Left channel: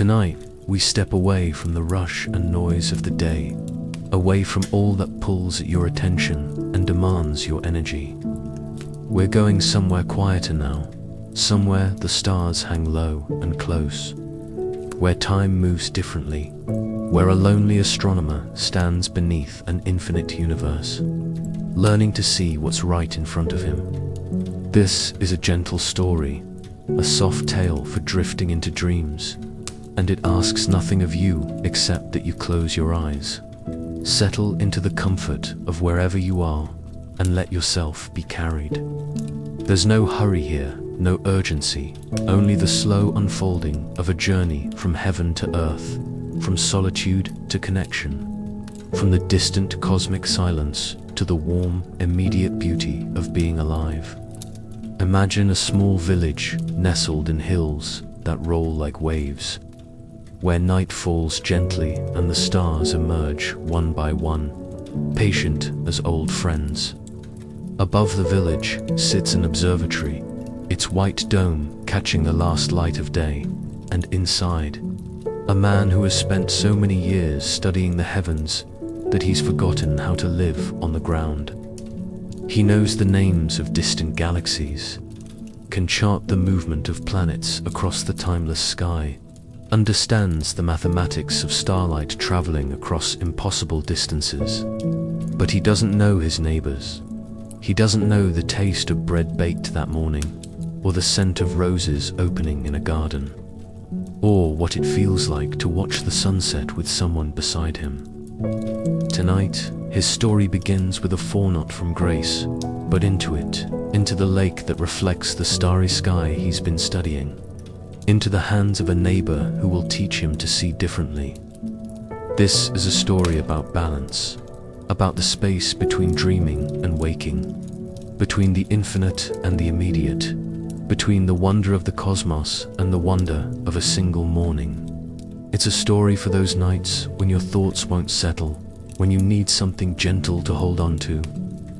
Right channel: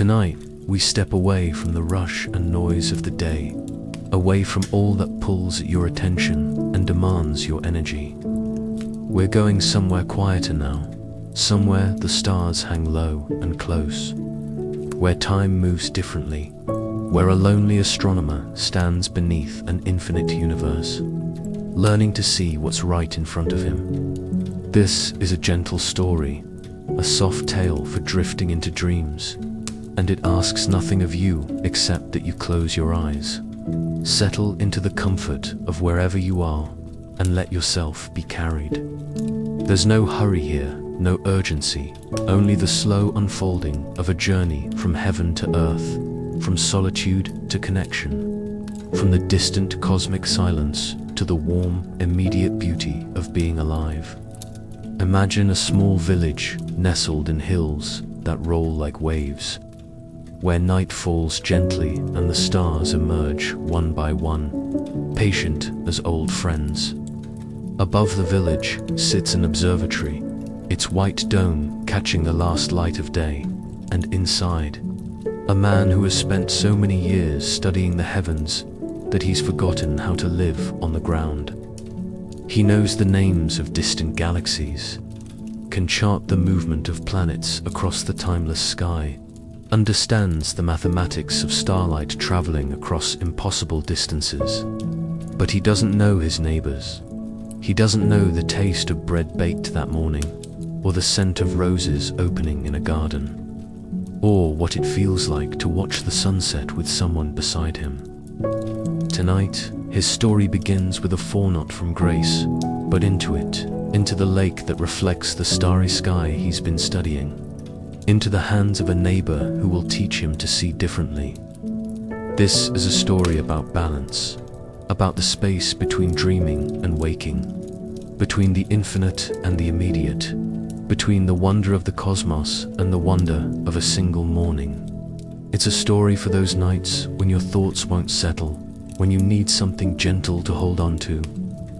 Tonight, we step away from the rush and noise of the day, away from all that pulls at your attention and demands your energy. We're going somewhere quieter now, somewhere the stars hang low and close, where time moves differently, where a lonely astronomer stands beneath an infinite universe, learning to see what's right in front of him. This is a gentle story, a soft tale for drifting into dreams, and it asks nothing of you except that you close your eyes, settle into the comfort of wherever you are, and let yourself be carried. There's no hurry here, no urgency, only the slow unfolding of a journey from heaven to earth, from solitude to connection, from the distant cosmic silence to the warm, immediate beauty of being alive. Imagine a small village nestled in hills that roll like waves, where night falls gently and the stars emerge one by one, patient as old friends. Above the village sits an observatory, its white dome catching the last light of day, and inside, a man who has spent so many years studying the heavens that he's forgotten how to live on the ground. He knows the names of distant galaxies, can chart the movement of planets across the timeless sky, understands the mathematics of starlight traveling across impossible distances. But he doesn't know his neighbors. He doesn't know the taste of bread baked that morning, or the scent of roses opening in a garden, or what it feels like to watch the sunset with someone beside him. Tonight, his story begins with a foreknot from grace, but into the lake that reflects the starry sky he's been studying, into the hands of a neighbor who will teach him to see differently. This is a story about balance, about the space between dreaming and waking, between the infinite and the immediate, between the wonder of the cosmos and the wonder of a single morning. It's a story for those nights when your thoughts won't settle, when you need something gentle to hold on to,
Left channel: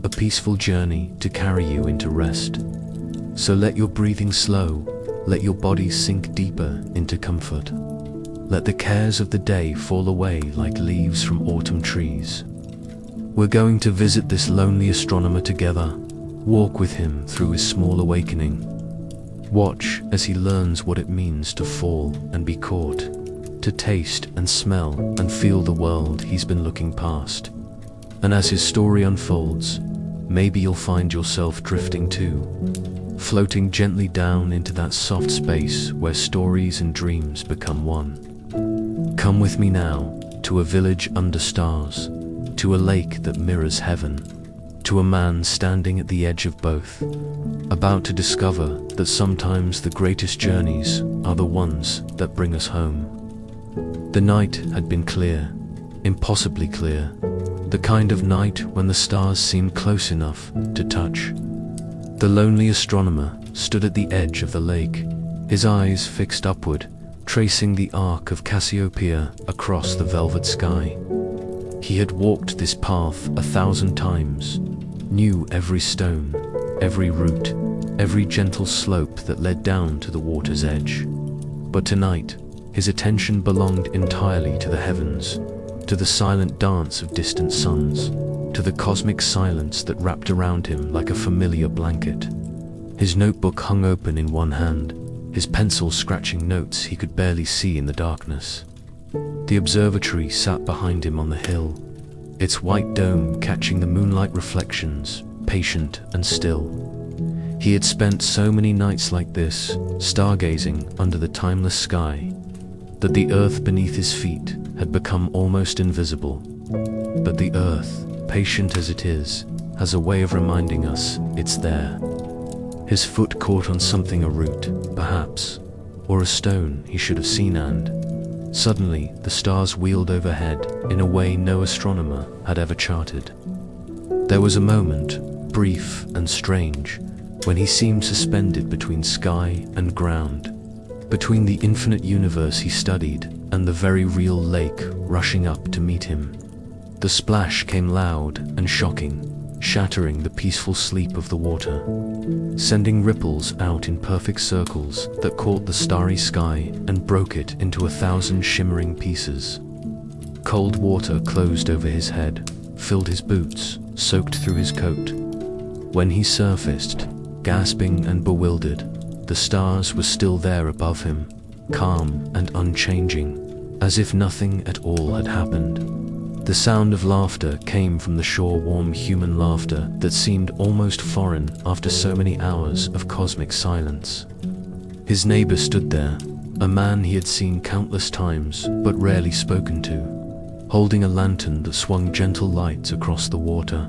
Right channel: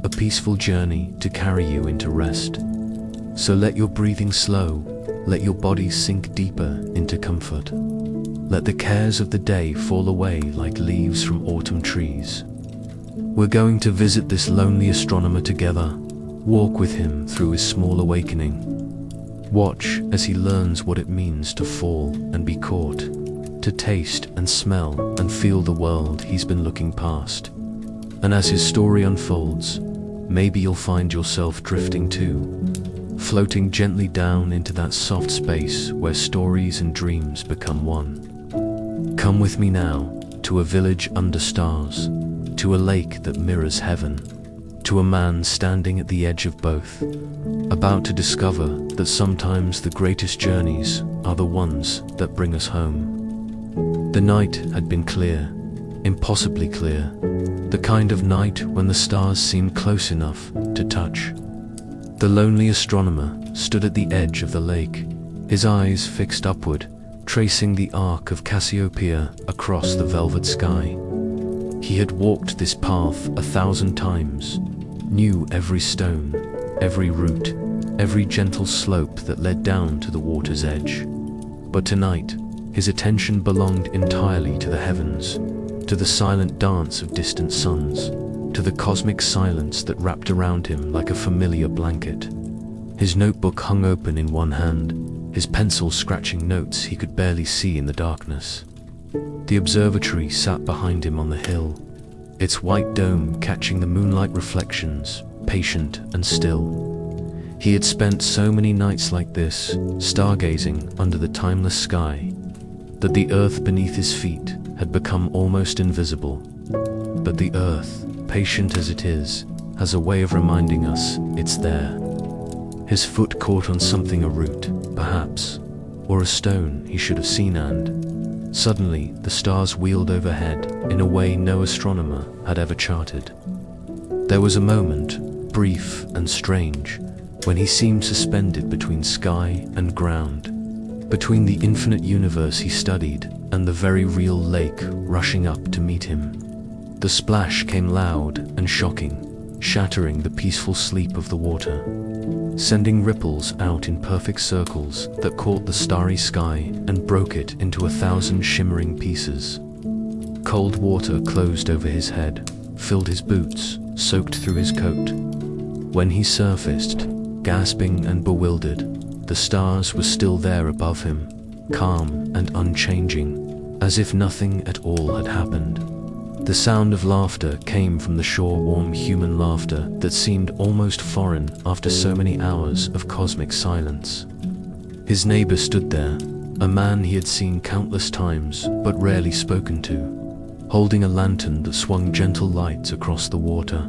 a peaceful journey to carry you into rest. So let your breathing slow, let your body sink deeper into comfort. Let the cares of the day fall away like leaves from autumn trees. We're going to visit this lonely astronomer together, walk with him through his small awakening. Watch as he learns what it means to fall and be caught, to taste and smell and feel the world he's been looking past. And as his story unfolds, maybe you'll find yourself drifting too, floating gently down into that soft space where stories and dreams become one. Come with me now to a village under stars, to a lake that mirrors heaven, to a man standing at the edge of both, about to discover that sometimes the greatest journeys are the ones that bring us home. The night had been clear, impossibly clear, the kind of night when the stars seemed close enough to touch. The lonely astronomer stood at the edge of the lake, his eyes fixed upward, tracing the arc of Cassiopeia across the velvet sky. He had walked this path 1,000 times, knew every stone, every root, every gentle slope that led down to the water's edge. But tonight, his attention belonged entirely to the heavens, to the silent dance of distant suns, to the cosmic silence that wrapped around him like a familiar blanket. His notebook hung open in one hand, his pencil scratching notes he could barely see in the darkness. The observatory sat behind him on the hill, its white dome catching the moonlight reflections, patient and still. He had spent so many nights like this, stargazing under the timeless sky, that the earth beneath his feet had become almost invisible. But the earth, patient as it is, has a way of reminding us it's there. His foot caught on something, a root, perhaps, or a stone he should have seen, and suddenly the stars wheeled overhead in a way no astronomer had ever charted. There was a moment, brief and strange, when he seemed suspended between sky and ground, between the infinite universe he studied and the very real lake rushing up to meet him. The splash came loud and shocking, shattering the peaceful sleep of the water, sending ripples out in perfect circles that caught the starry sky and broke it into 1,000 shimmering pieces. Cold water closed over his head, filled his boots, soaked through his coat. When he surfaced, gasping and bewildered, the stars were still there above him, calm and unchanging, as if nothing at all had happened. The sound of laughter came from the shore, warm human laughter that seemed almost foreign after so many hours of cosmic silence. His neighbor stood there, a man he had seen countless times but rarely spoken to, holding a lantern that swung gentle light across the water.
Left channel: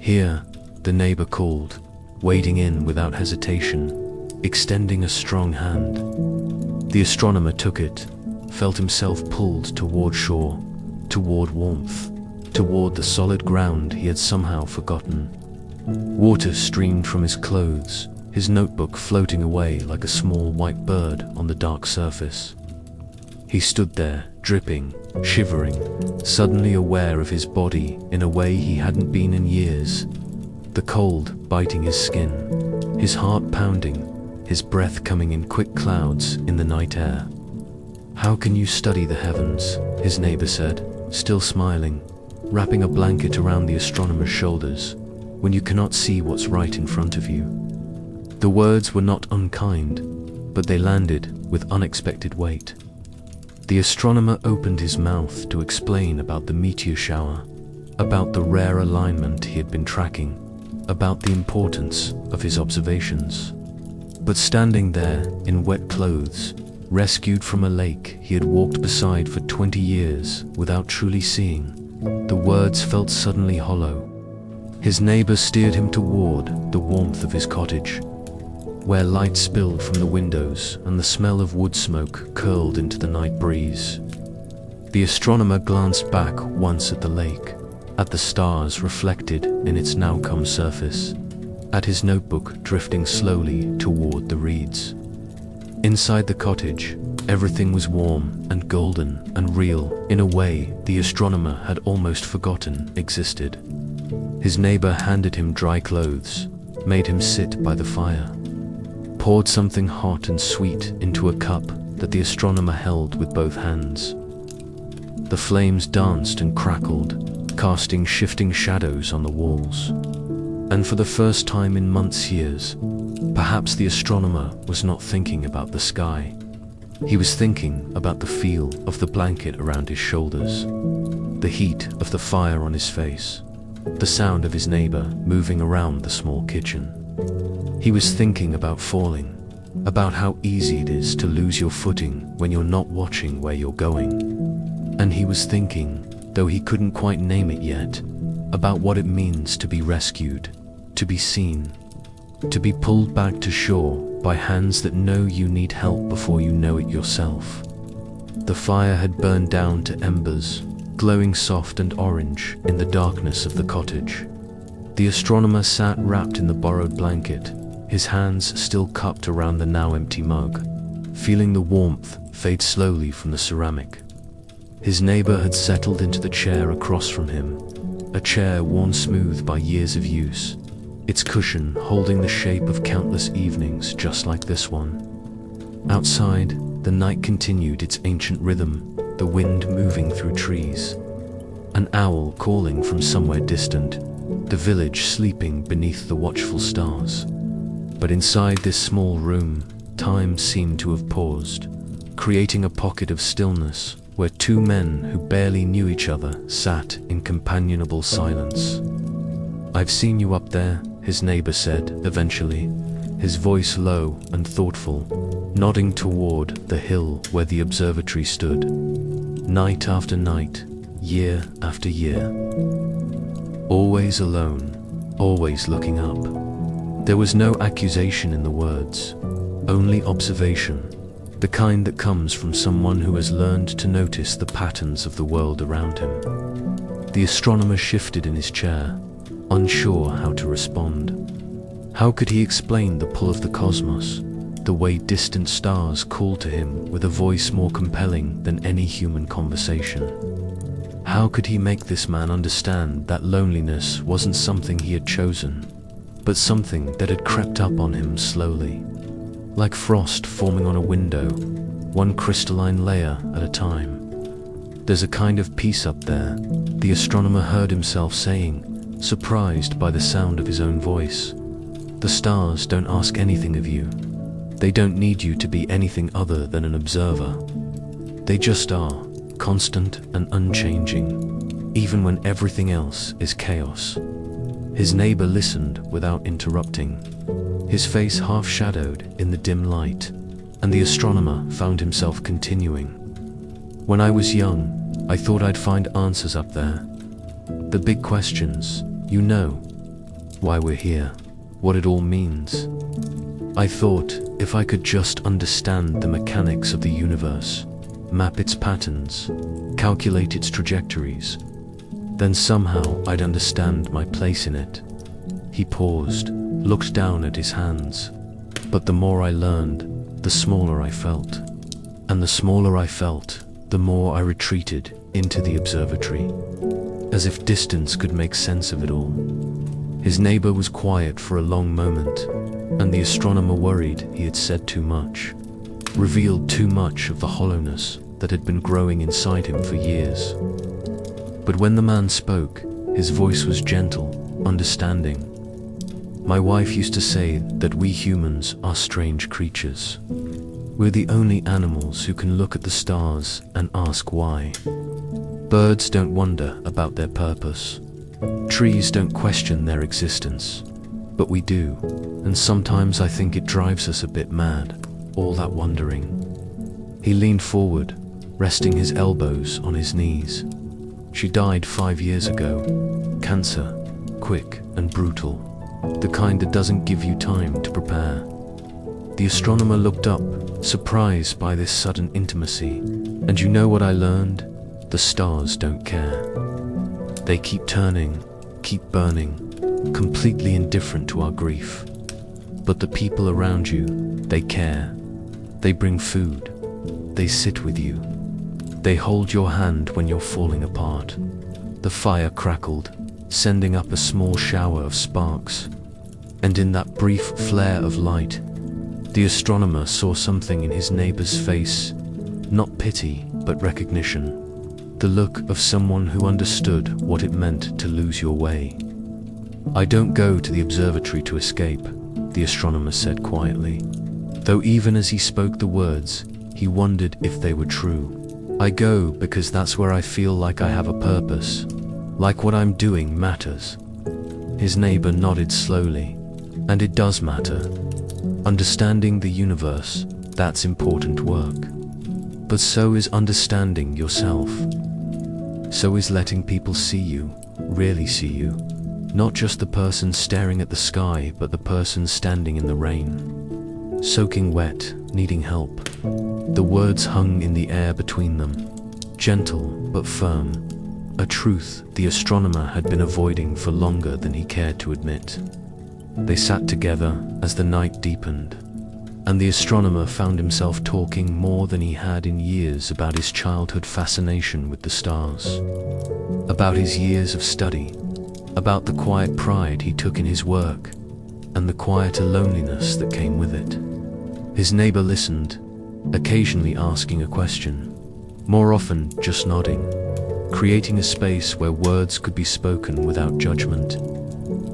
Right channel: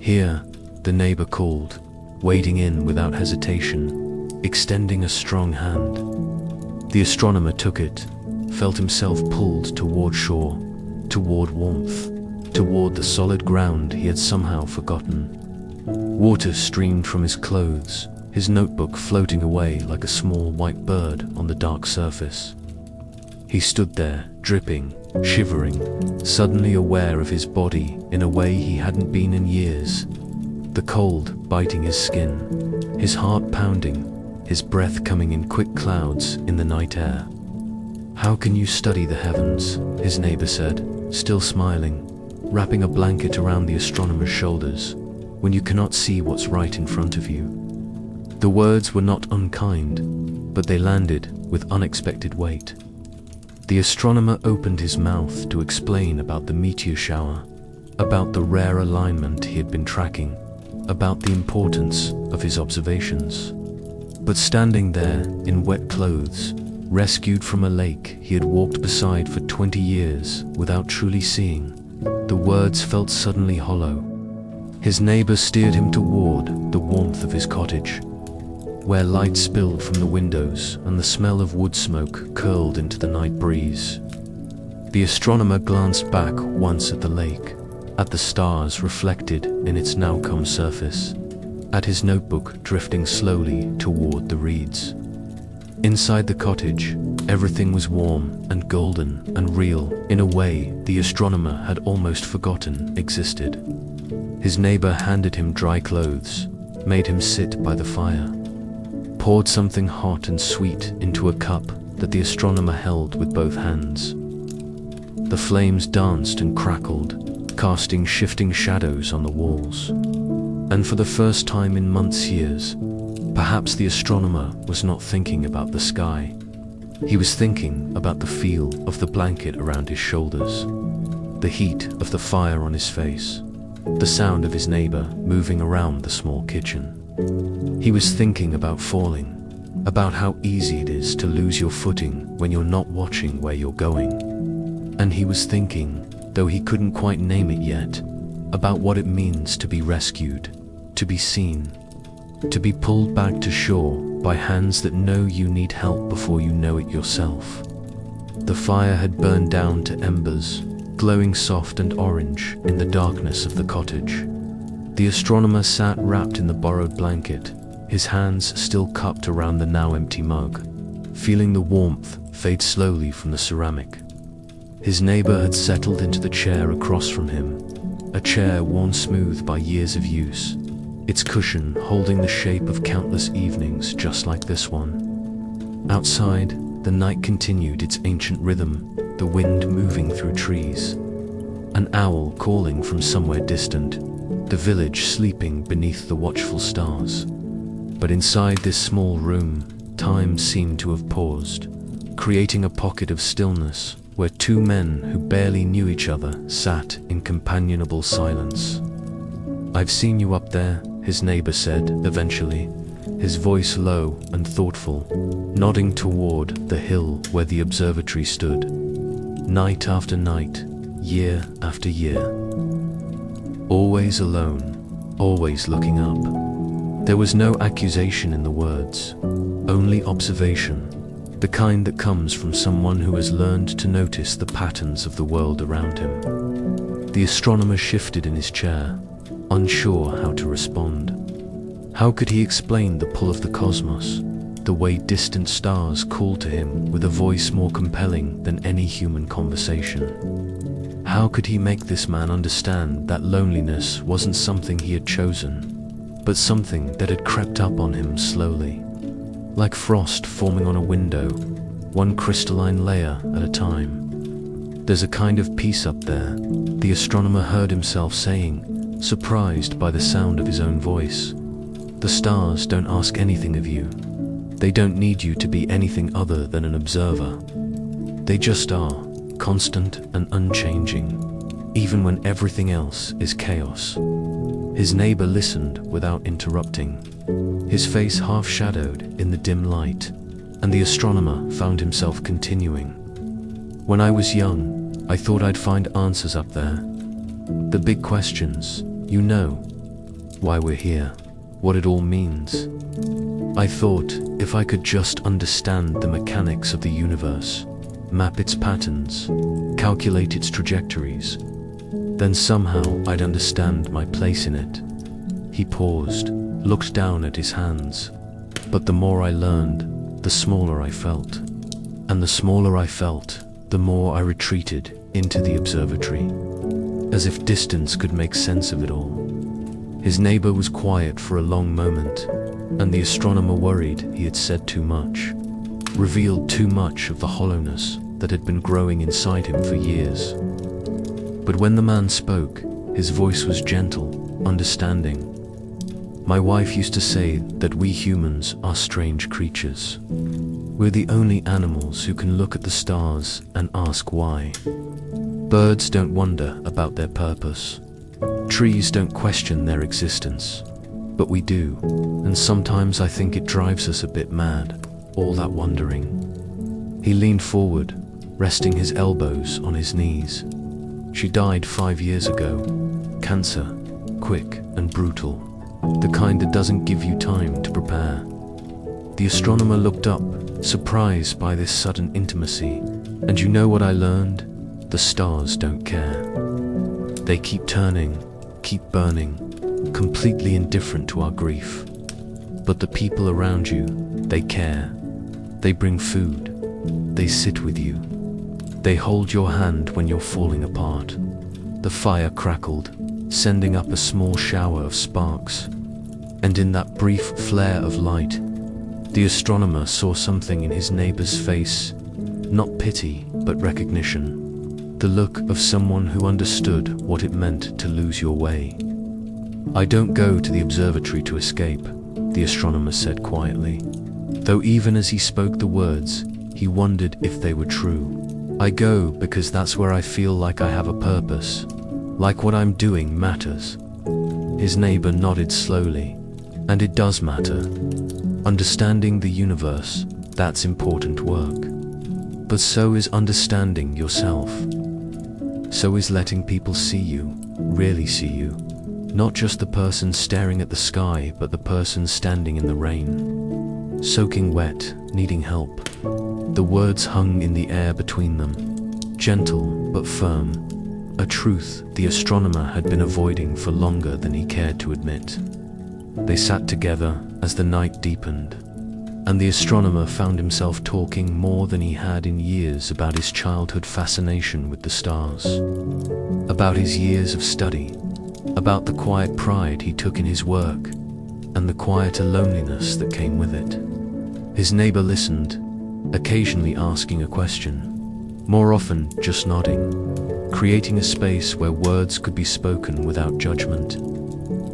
"Here," the neighbor called, wading in without hesitation, extending a strong hand. The astronomer took it, felt himself pulled toward shore, toward warmth, toward the solid ground he had somehow forgotten. Water streamed from his clothes, his notebook floating away like a small white bird on the dark surface. He stood there, dripping, shivering, suddenly aware of his body in a way he hadn't been in years. The cold biting his skin, his heart pounding, his breath coming in quick clouds in the night air. "How can you study the heavens?" his neighbor said, still smiling, wrapping a blanket around the astronomer's shoulders, "when you cannot see what's right in front of you?" The words were not unkind, but they landed with unexpected weight. The astronomer opened his mouth to explain about the meteor shower, about the rare alignment he had been tracking, about the importance of his observations. But standing there in wet clothes, rescued from a lake he had walked beside for 20 years without truly seeing, the words felt suddenly hollow. His neighbor steered him toward the warmth of his cottage, where light spilled from the windows and the smell of wood smoke curled into the night breeze. The astronomer glanced back once at the lake, at the stars reflected in its now-come surface, at his notebook drifting slowly toward the reeds. Inside the cottage, everything was warm and golden and real in a way the astronomer had almost forgotten existed. His neighbor handed him dry clothes, made him sit by the fire, poured something hot and sweet into a cup that the astronomer held with both hands. The flames danced and crackled, casting shifting shadows on the walls. And for the first time in years, perhaps the astronomer was not thinking about the sky. He was thinking about the feel of the blanket around his shoulders, the heat of the fire on his face, the sound of his neighbor moving around the small kitchen. He was thinking about falling, about how easy it is to lose your footing when you're not watching where you're going. And he was thinking, though he couldn't quite name it yet, about what it means to be rescued, to be seen, to be pulled back to shore by hands that know you need help before you know it yourself. The fire had burned down to embers, glowing soft and orange in the darkness of the cottage. The astronomer sat wrapped in the borrowed blanket, his hands still cupped around the now empty mug, feeling the warmth fade slowly from the ceramic. His neighbor had settled into the chair across from him, a chair worn smooth by years of use, its cushion holding the shape of countless evenings just like this one. Outside, the night continued its ancient rhythm, the wind moving through trees, an owl calling from somewhere distant, the village sleeping beneath the watchful stars. But inside this small room, time seemed to have paused, creating a pocket of stillness where two men who barely knew each other sat in companionable silence. "I've seen you up there," his neighbor said eventually, his voice low and thoughtful, nodding toward the hill where the observatory stood. "Night after night, year after year. Always alone, always looking up." There was no accusation in the words, only observation, the kind that comes from someone who has learned to notice the patterns of the world around him. The astronomer shifted in his chair, unsure how to respond. How could he explain the pull of the cosmos, the way distant stars called to him with a voice more compelling than any human conversation? How could he make this man understand that loneliness wasn't something he had chosen, but something that had crept up on him slowly, like frost forming on a window, one crystalline layer at a time? "There's a kind of peace up there," the astronomer heard himself saying, surprised by the sound of his own voice. "The stars don't ask anything of you. They don't need you to be anything other than an observer. They just are, constant and unchanging, even when everything else is chaos." His neighbor listened without interrupting, his face half shadowed in the dim light, and the astronomer found himself continuing. "When I was young, I thought I'd find answers up there. The big questions, you know. Why we're here, what it all means. I thought if I could just understand the mechanics of the universe, map its patterns, calculate its trajectories, then somehow I'd understand my place in it." He paused, looked down at his hands. "But the more I learned, the smaller I felt. And the smaller I felt, the more I retreated into the observatory, as if distance could make sense of it all." His neighbor was quiet for a long moment, and the astronomer worried he had said too much, revealed too much of the hollowness that had been growing inside him for years. But when the man spoke, his voice was gentle, understanding. "My wife used to say that we humans are strange creatures. We're the only animals who can look at the stars and ask why. Birds don't wonder about their purpose. Trees don't question their existence. But we do, and sometimes I think it drives us a bit mad, all that wondering." He leaned forward, resting his elbows on his knees. "She died 5 years ago. Cancer, quick and brutal. The kind that doesn't give you time to prepare." The astronomer looked up, surprised by this sudden intimacy. "And you know what I learned? The stars don't care. They keep turning, keep burning, completely indifferent to our grief. But the people around you, they care. They bring food. They sit with you. They hold your hand when you're falling apart." The fire crackled, sending up a small shower of sparks. And in that brief flare of light, the astronomer saw something in his neighbor's face, not pity, but recognition. The look of someone who understood what it meant to lose your way. "I don't go to the observatory to escape," the astronomer said quietly, though even as he spoke the words, he wondered if they were true. "I go because that's where I feel like I have a purpose, like what I'm doing matters." His neighbor nodded slowly. "And it does matter. Understanding the universe, that's important work. But so is understanding yourself. So is letting people see you, really see you. Not just the person staring at the sky, but the person standing in the rain, soaking wet, needing help." The words hung in the air between them, gentle but firm, a truth the astronomer had been avoiding for longer than he cared to admit. They sat together as the night deepened, and the astronomer found himself talking more than he had in years about his childhood fascination with the stars, about his years of study, about the quiet pride he took in his work, and the quieter loneliness that came with it. His neighbor listened, occasionally asking a question, more often just nodding, creating a space where words could be spoken without judgment.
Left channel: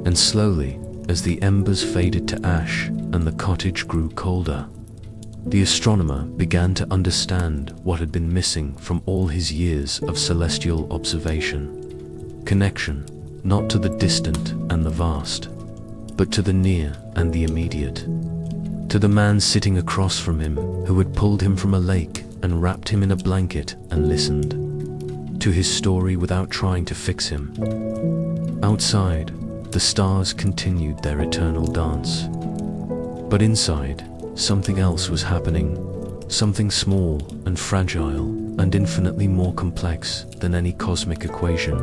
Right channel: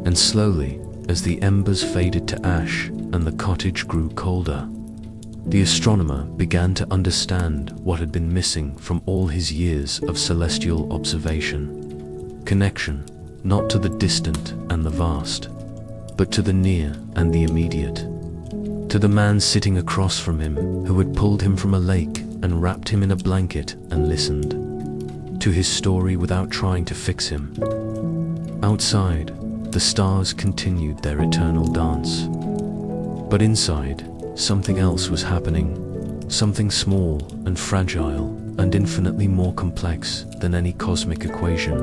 And slowly, as the embers faded to ash and the cottage grew colder, the astronomer began to understand what had been missing from all his years of celestial observation. Connection, not to the distant and the vast, but to the near and the immediate. To the man sitting across from him who had pulled him from a lake and wrapped him in a blanket and listened. To his story without trying to fix him. Outside, the stars continued their eternal dance. But inside, something else was happening. Something small and fragile and infinitely more complex than any cosmic equation.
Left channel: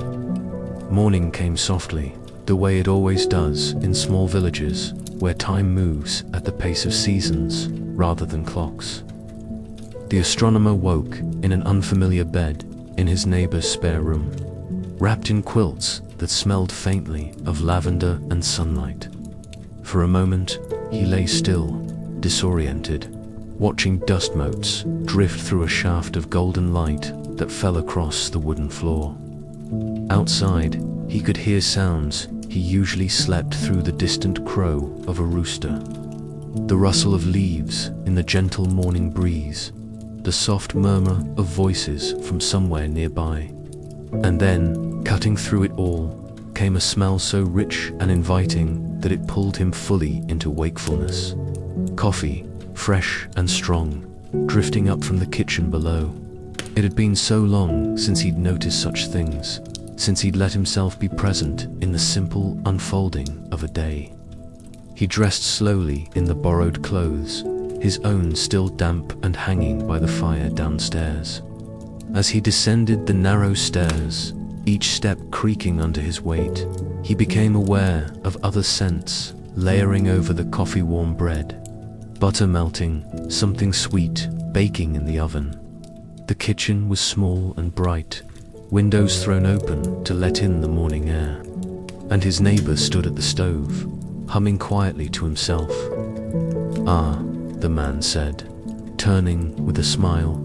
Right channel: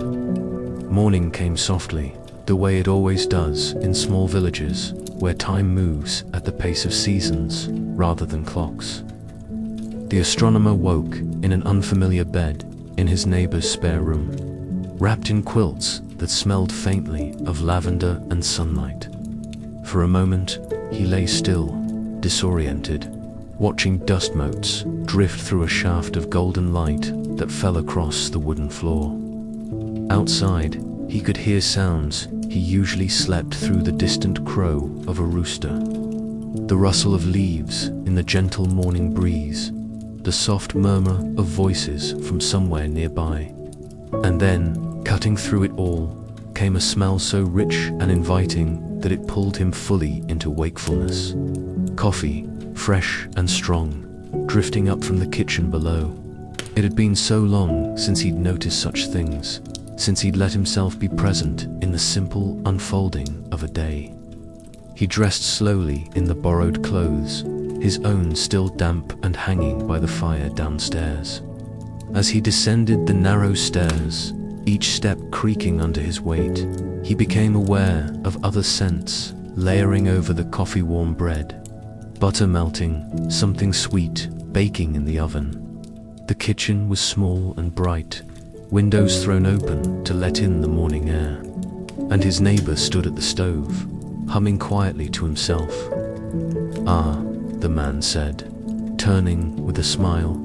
Morning came softly, the way it always does in small villages where time moves at the pace of seasons rather than clocks. The astronomer woke in an unfamiliar bed, in his neighbor's spare room, wrapped in quilts that smelled faintly of lavender and sunlight. For a moment, he lay still, disoriented, watching dust motes drift through a shaft of golden light that fell across the wooden floor. Outside, he could hear sounds he usually slept through: the distant crow of a rooster, the rustle of leaves in the gentle morning breeze, the soft murmur of voices from somewhere nearby. And then, cutting through it all, came a smell so rich and inviting that it pulled him fully into wakefulness. Coffee, fresh and strong, drifting up from the kitchen below. It had been so long since he'd noticed such things, since he'd let himself be present in the simple unfolding of a day. He dressed slowly in the borrowed clothes, his own still damp and hanging by the fire downstairs. As he descended the narrow stairs, each step creaking under his weight, he became aware of other scents layering over the coffee-warm bread. Butter melting, something sweet baking in the oven. The kitchen was small and bright, windows thrown open to let in the morning air. And his neighbor stood at the stove, humming quietly to himself. "Ah," the man said, turning with a smile.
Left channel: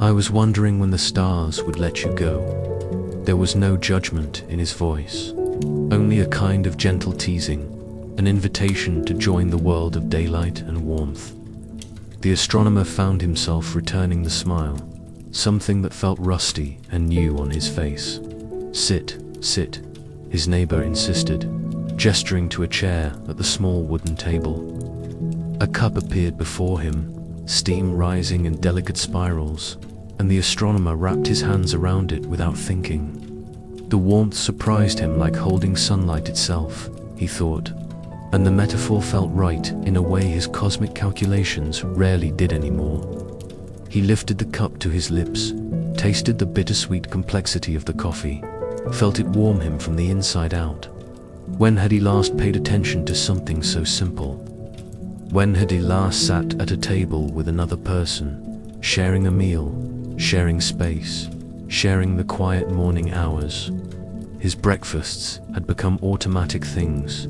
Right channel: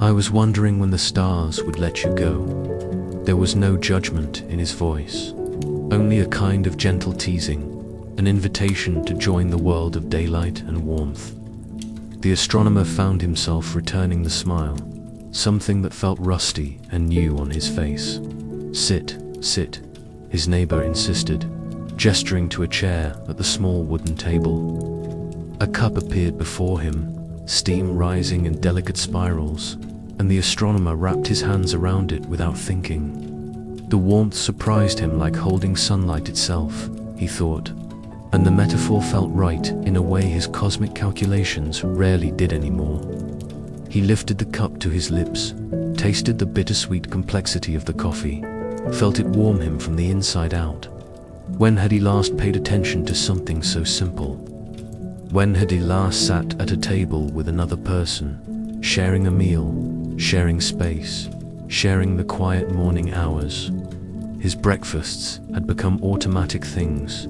"I was wondering when the stars would let you go." There was no judgment in his voice, only a kind of gentle teasing, an invitation to join the world of daylight and warmth. The astronomer found himself returning the smile, something that felt rusty and new on his face. "Sit, sit," his neighbor insisted, gesturing to a chair at the small wooden table. A cup appeared before him, steam rising in delicate spirals, and the astronomer wrapped his hands around it without thinking. The warmth surprised him like holding sunlight itself, he thought, and the metaphor felt right in a way his cosmic calculations rarely did anymore. He lifted the cup to his lips, tasted the bittersweet complexity of the coffee, felt it warm him from the inside out. When had he last paid attention to something so simple? When had he last sat at a table with another person, sharing a meal, sharing space, sharing the quiet morning hours? His breakfasts had become automatic things,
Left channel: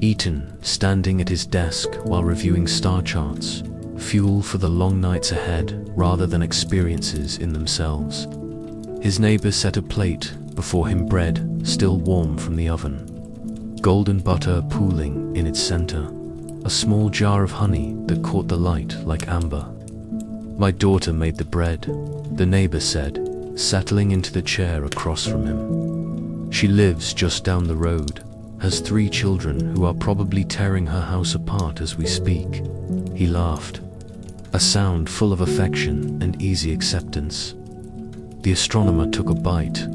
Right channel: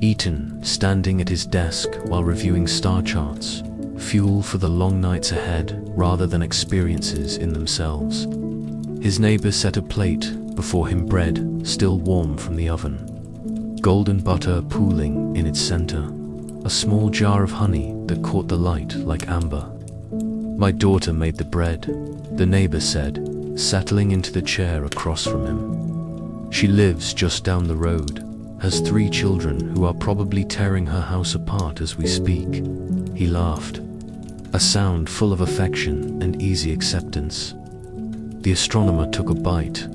eaten standing at his desk while reviewing star charts, fuel for the long nights ahead rather than experiences in themselves. His neighbor set a plate before him, bread still warm from the oven, golden butter pooling in its center, a small jar of honey that caught the light like amber. "My daughter made the bread," the neighbor said, settling into the chair across from him. "She lives just down the road, has 3 children who are probably tearing her house apart as we speak." He laughed, a sound full of affection and easy acceptance. The astronomer took a bite,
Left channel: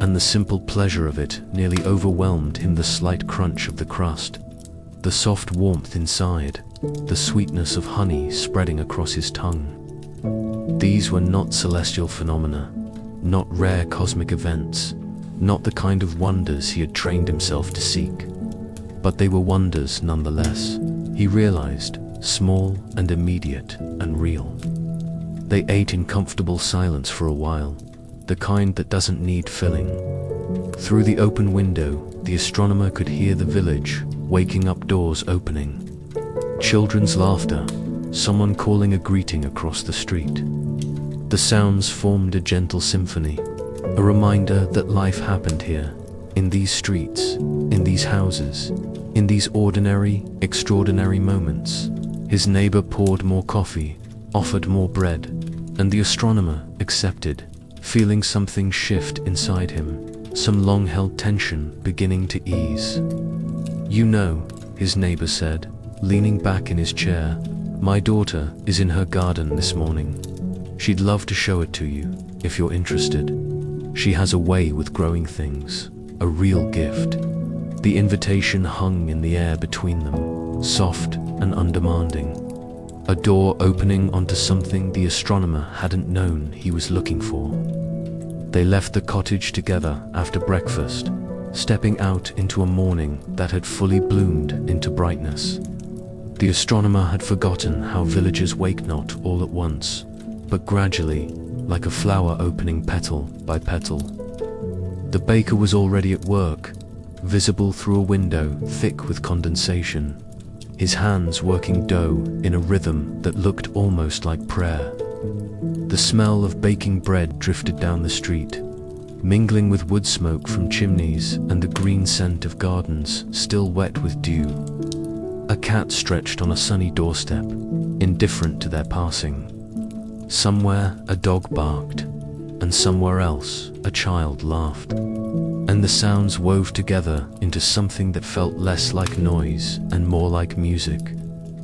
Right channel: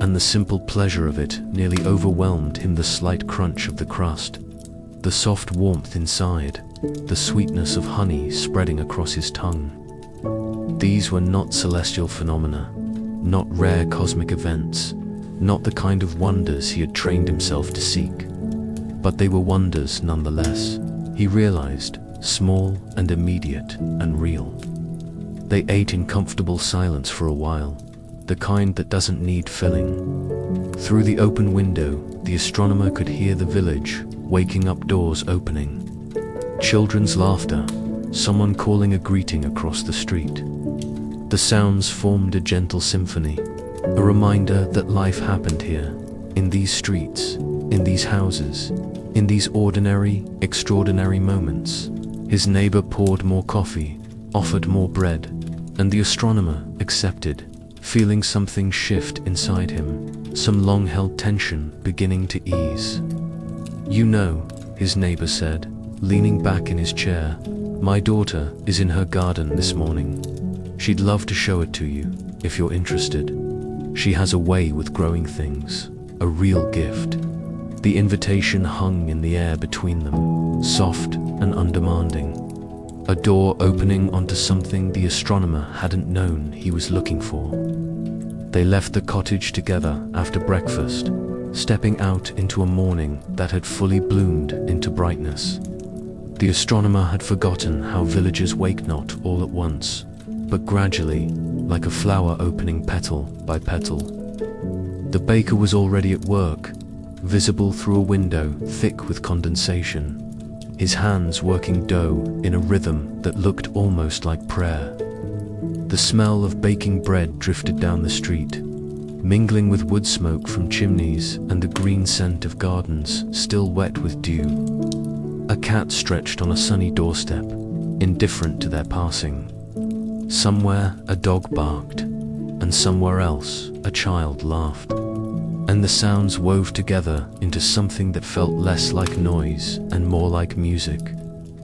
and the simple pleasure of it nearly overwhelmed him. The slight crunch of the crust, the soft warmth inside, the sweetness of honey spreading across his tongue. These were not celestial phenomena, not rare cosmic events, not the kind of wonders he had trained himself to seek. But they were wonders nonetheless, he realized, small and immediate and real. They ate in comfortable silence for a while, the kind that doesn't need filling. Through the open window, the astronomer could hear the village waking up, doors opening, children's laughter, someone calling a greeting across the street. The sounds formed a gentle symphony, a reminder that life happened here, in these streets, in these houses, in these ordinary, extraordinary moments. His neighbor poured more coffee, offered more bread, and the astronomer accepted, feeling something shift inside him, some long-held tension beginning to ease. "You know," his neighbor said, leaning back in his chair, "my daughter is in her garden this morning. She'd love to show it to you, if you're interested. She has a way with growing things, a real gift." The invitation hung in the air between them, soft and undemanding. A door opening onto something the astronomer hadn't known he was looking for. They left the cottage together after breakfast, stepping out into a morning that had fully bloomed into brightness. The astronomer had forgotten how villagers wake not all at once, but gradually, like a flower opening petal by petal. The baker was already at work, visible through a window thick with condensation, his hands working dough in a rhythm that looked almost like prayer. The smell of baking bread drifted down the street, mingling with wood smoke from chimneys and the green scent of gardens still wet with dew. A cat stretched on a sunny doorstep, indifferent to their passing. Somewhere a dog barked, and somewhere else a child laughed. And the sounds wove together into something that felt less like noise and more like music,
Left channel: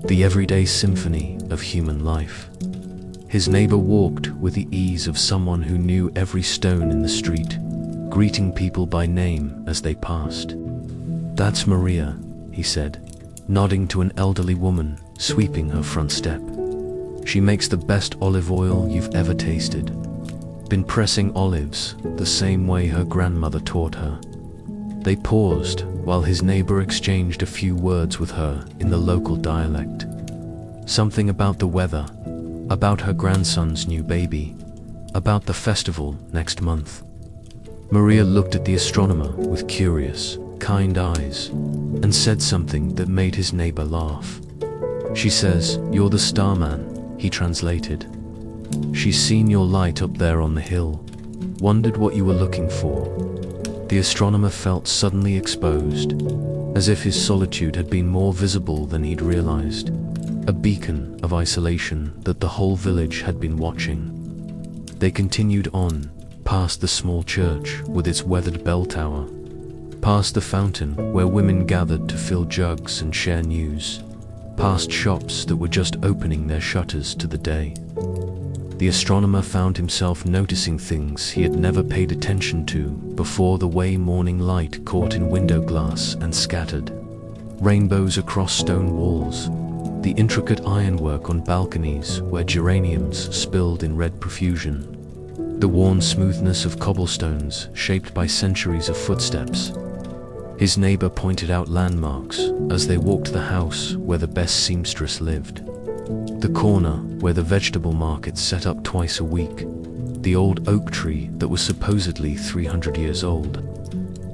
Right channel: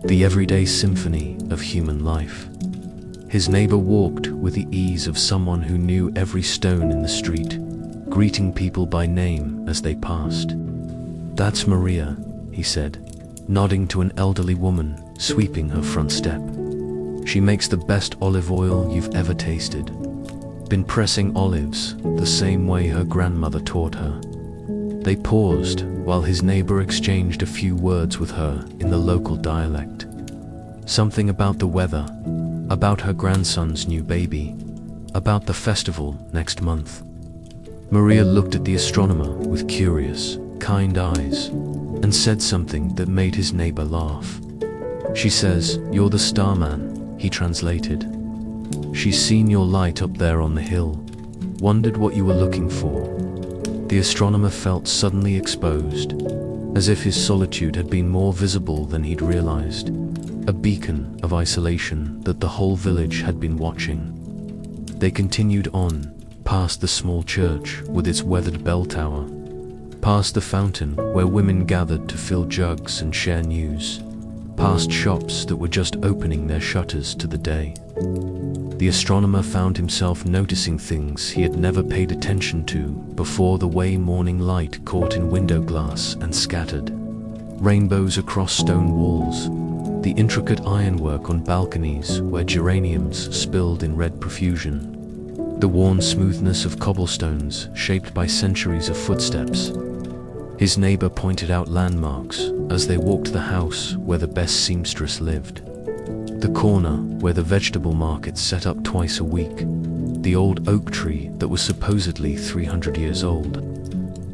the everyday symphony of human life. His neighbor walked with the ease of someone who knew every stone in the street, greeting people by name as they passed. "That's Maria," he said, nodding to an elderly woman sweeping her front step. "She makes the best olive oil you've ever tasted. Been pressing olives the same way her grandmother taught her." They paused while his neighbor exchanged a few words with her in the local dialect. Something about the weather, about her grandson's new baby, about the festival next month. Maria looked at the astronomer with curious, kind eyes and said something that made his neighbor laugh. "She says, 'You're the starman,'" he translated. "She's seen your light up there on the hill, wondered what you were looking for." The astronomer felt suddenly exposed, as if his solitude had been more visible than he'd realized, a beacon of isolation that the whole village had been watching. They continued on, past the small church with its weathered bell tower, past the fountain where women gathered to fill jugs and share news, past shops that were just opening their shutters to the day. The astronomer found himself noticing things he had never paid attention to before, the way morning light caught in window glass and scattered, rainbows across stone walls, the intricate ironwork on balconies where geraniums spilled in red profusion, the worn smoothness of cobblestones shaped by centuries of footsteps. His neighbor pointed out landmarks as they walked the house where the best seamstress lived, the corner where the vegetable market set up twice a week, the old oak tree that was supposedly 300 years old.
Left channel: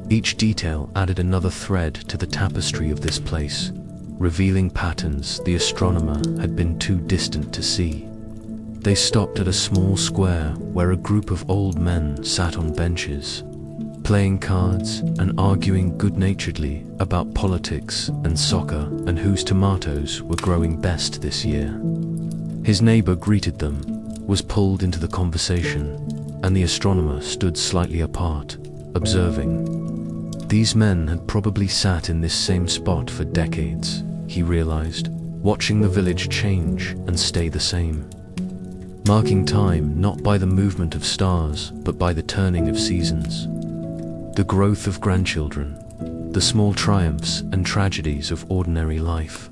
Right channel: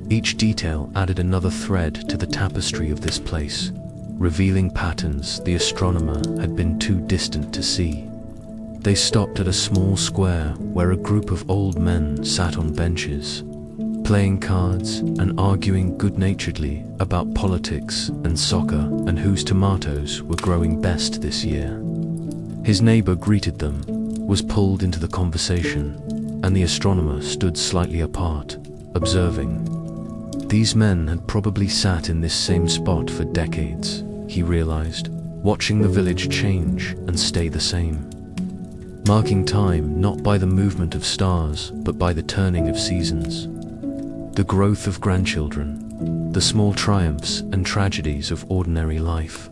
Each detail added another thread to the tapestry of this place, revealing patterns the astronomer had been too distant to see. They stopped at a small square where a group of old men sat on benches, playing cards and arguing good-naturedly about politics and soccer and whose tomatoes were growing best this year. His neighbor greeted them, was pulled into the conversation, and the astronomer stood slightly apart, observing. These men had probably sat in this same spot for decades, he realized, watching the village change and stay the same, marking time not by the movement of stars but by the turning of seasons, the growth of grandchildren, the small triumphs and tragedies of ordinary life.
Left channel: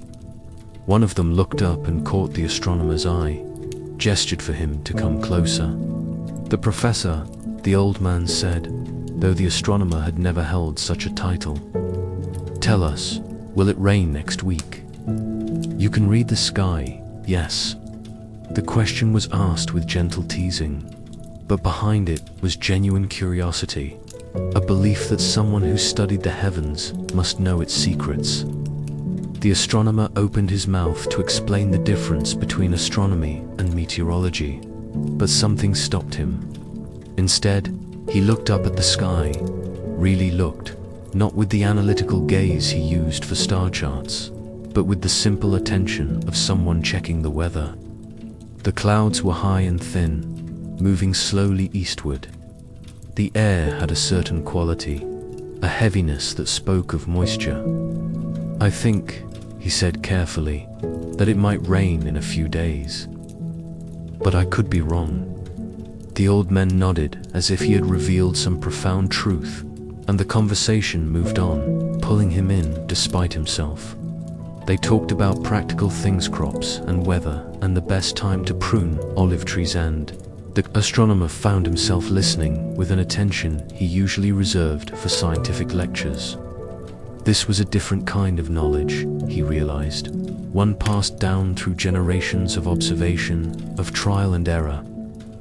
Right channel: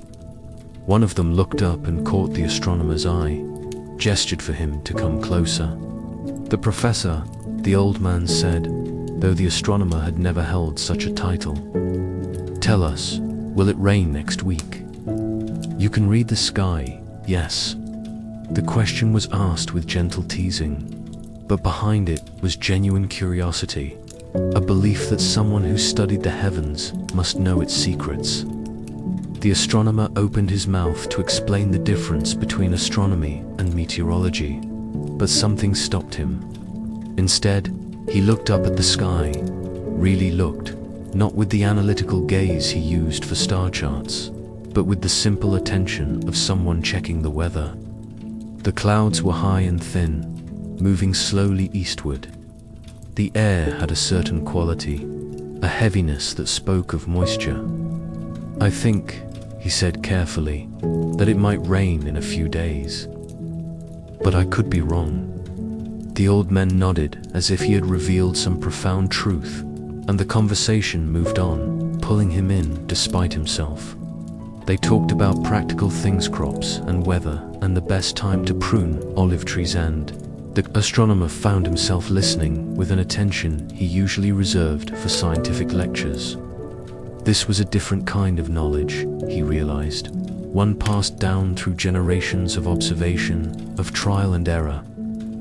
One of them looked up and caught the astronomer's eye, gestured for him to come closer. "The professor," the old man said, though the astronomer had never held such a title. "Tell us, will it rain next week? You can read the sky, yes." The question was asked with gentle teasing, but behind it was genuine curiosity, a belief that someone who studied the heavens must know its secrets. The astronomer opened his mouth to explain the difference between astronomy and meteorology, but something stopped him. Instead, he looked up at the sky, really looked, not with the analytical gaze he used for star charts, but with the simple attention of someone checking the weather. The clouds were high and thin, moving slowly eastward. The air had a certain quality, a heaviness that spoke of moisture. "I think," he said carefully, "that it might rain in a few days. But I could be wrong." The old man nodded as if he had revealed some profound truth, and the conversation moved on, pulling him in despite himself. They talked about practical things, crops and weather, and the best time to prune olive trees, and the astronomer found himself listening with an attention he usually reserved for scientific lectures. This was a different kind of knowledge, he realized, one passed down through generations of observation, of trial and error,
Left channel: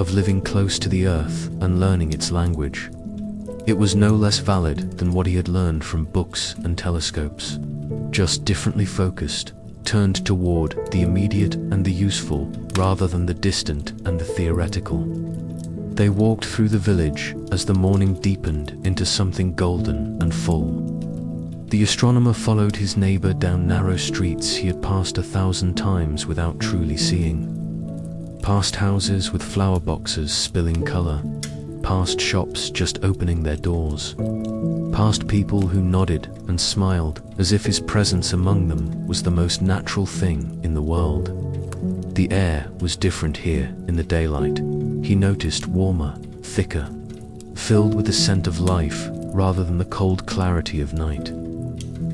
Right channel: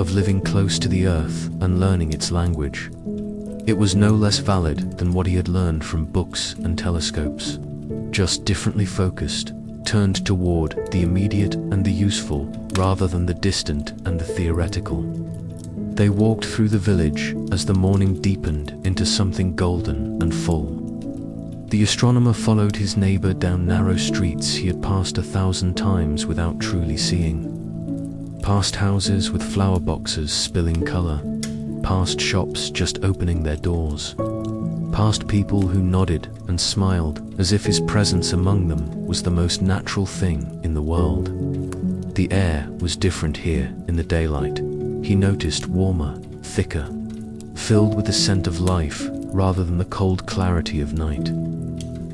of living close to the earth and learning its language. It was no less valid than what he had learned from books and telescopes, just differently focused, turned toward the immediate and the useful rather than the distant and the theoretical. They walked through the village as the morning deepened into something golden and full. The astronomer followed his neighbor down narrow streets he had passed 1,000 times without truly seeing. Past houses with flower boxes spilling color, past shops just opening their doors, past people who nodded and smiled as if his presence among them was the most natural thing in the world. The air was different here in the daylight. He noticed warmer, thicker, filled with the scent of life rather than the cold clarity of night.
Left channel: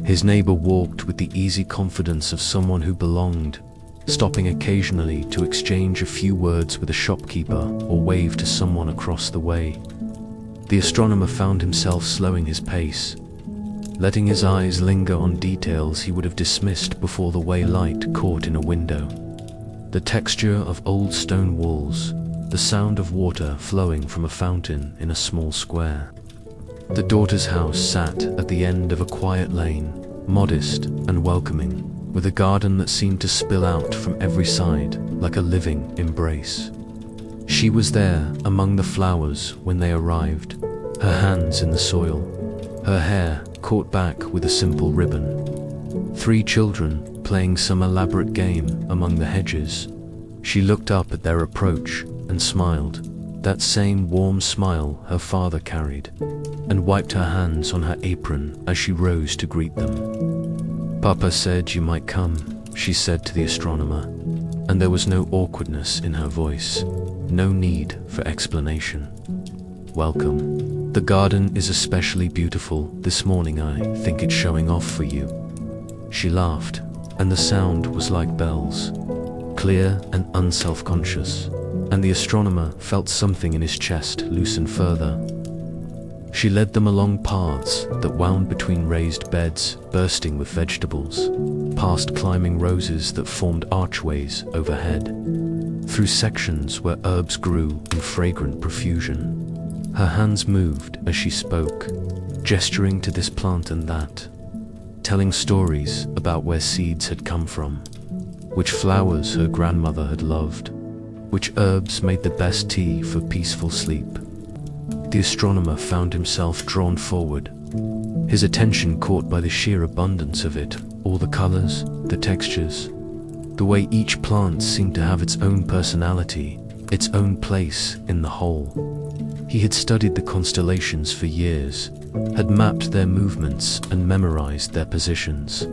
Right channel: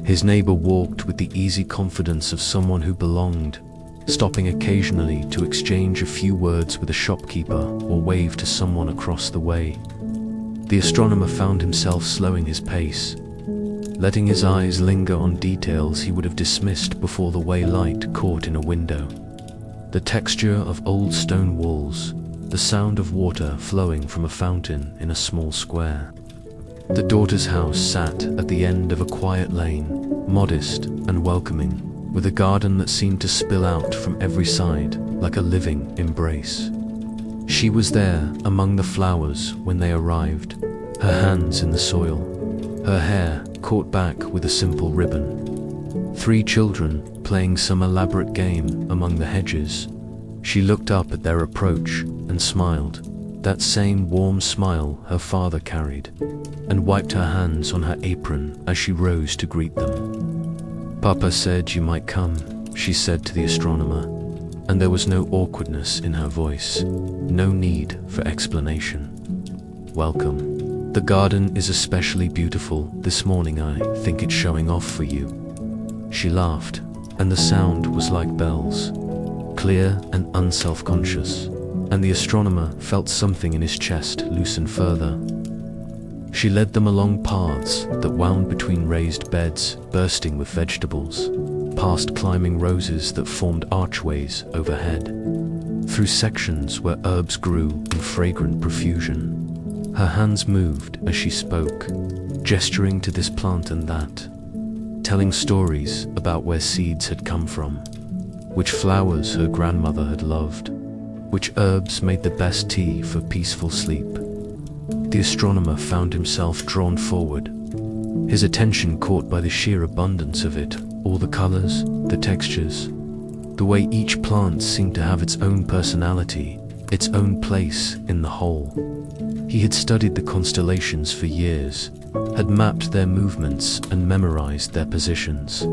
His neighbor walked with the easy confidence of someone who belonged, stopping occasionally to exchange a few words with a shopkeeper or wave to someone across the way. The astronomer found himself slowing his pace, letting his eyes linger on details he would have dismissed before the way light caught in a window. The texture of old stone walls, the sound of water flowing from a fountain in a small square. The daughter's house sat at the end of a quiet lane, modest and welcoming, with a garden that seemed to spill out from every side like a living embrace. She was there among the flowers when they arrived, her hands in the soil, her hair caught back with a simple ribbon. 3 children playing some elaborate game among the hedges. She looked up at their approach and smiled, that same warm smile her father carried, and wiped her hands on her apron as she rose to greet them. "Papa said you might come," she said to the astronomer, and there was no awkwardness in her voice, no need for explanation. "Welcome. The garden is especially beautiful this morning. I think it's showing off for you." She laughed, and the sound was like bells, clear and unself-conscious, and the astronomer felt something in his chest loosen further. She led them along paths that wound between raised beds bursting with vegetables, past climbing roses that formed archways overhead, through sections where herbs grew in fragrant profusion. Her hands moved as she spoke, gesturing to this plant and that, telling stories about where seeds had come from, which flowers her grandmother had loved, which herbs made the best tea for peaceful sleep. The astronomer found himself drawn forward, his attention caught by the sheer abundance of it, all the colors, the textures, the way each plant seemed to have its own personality, its own place in the whole. He had studied the constellations for years, had mapped their movements and memorized their positions,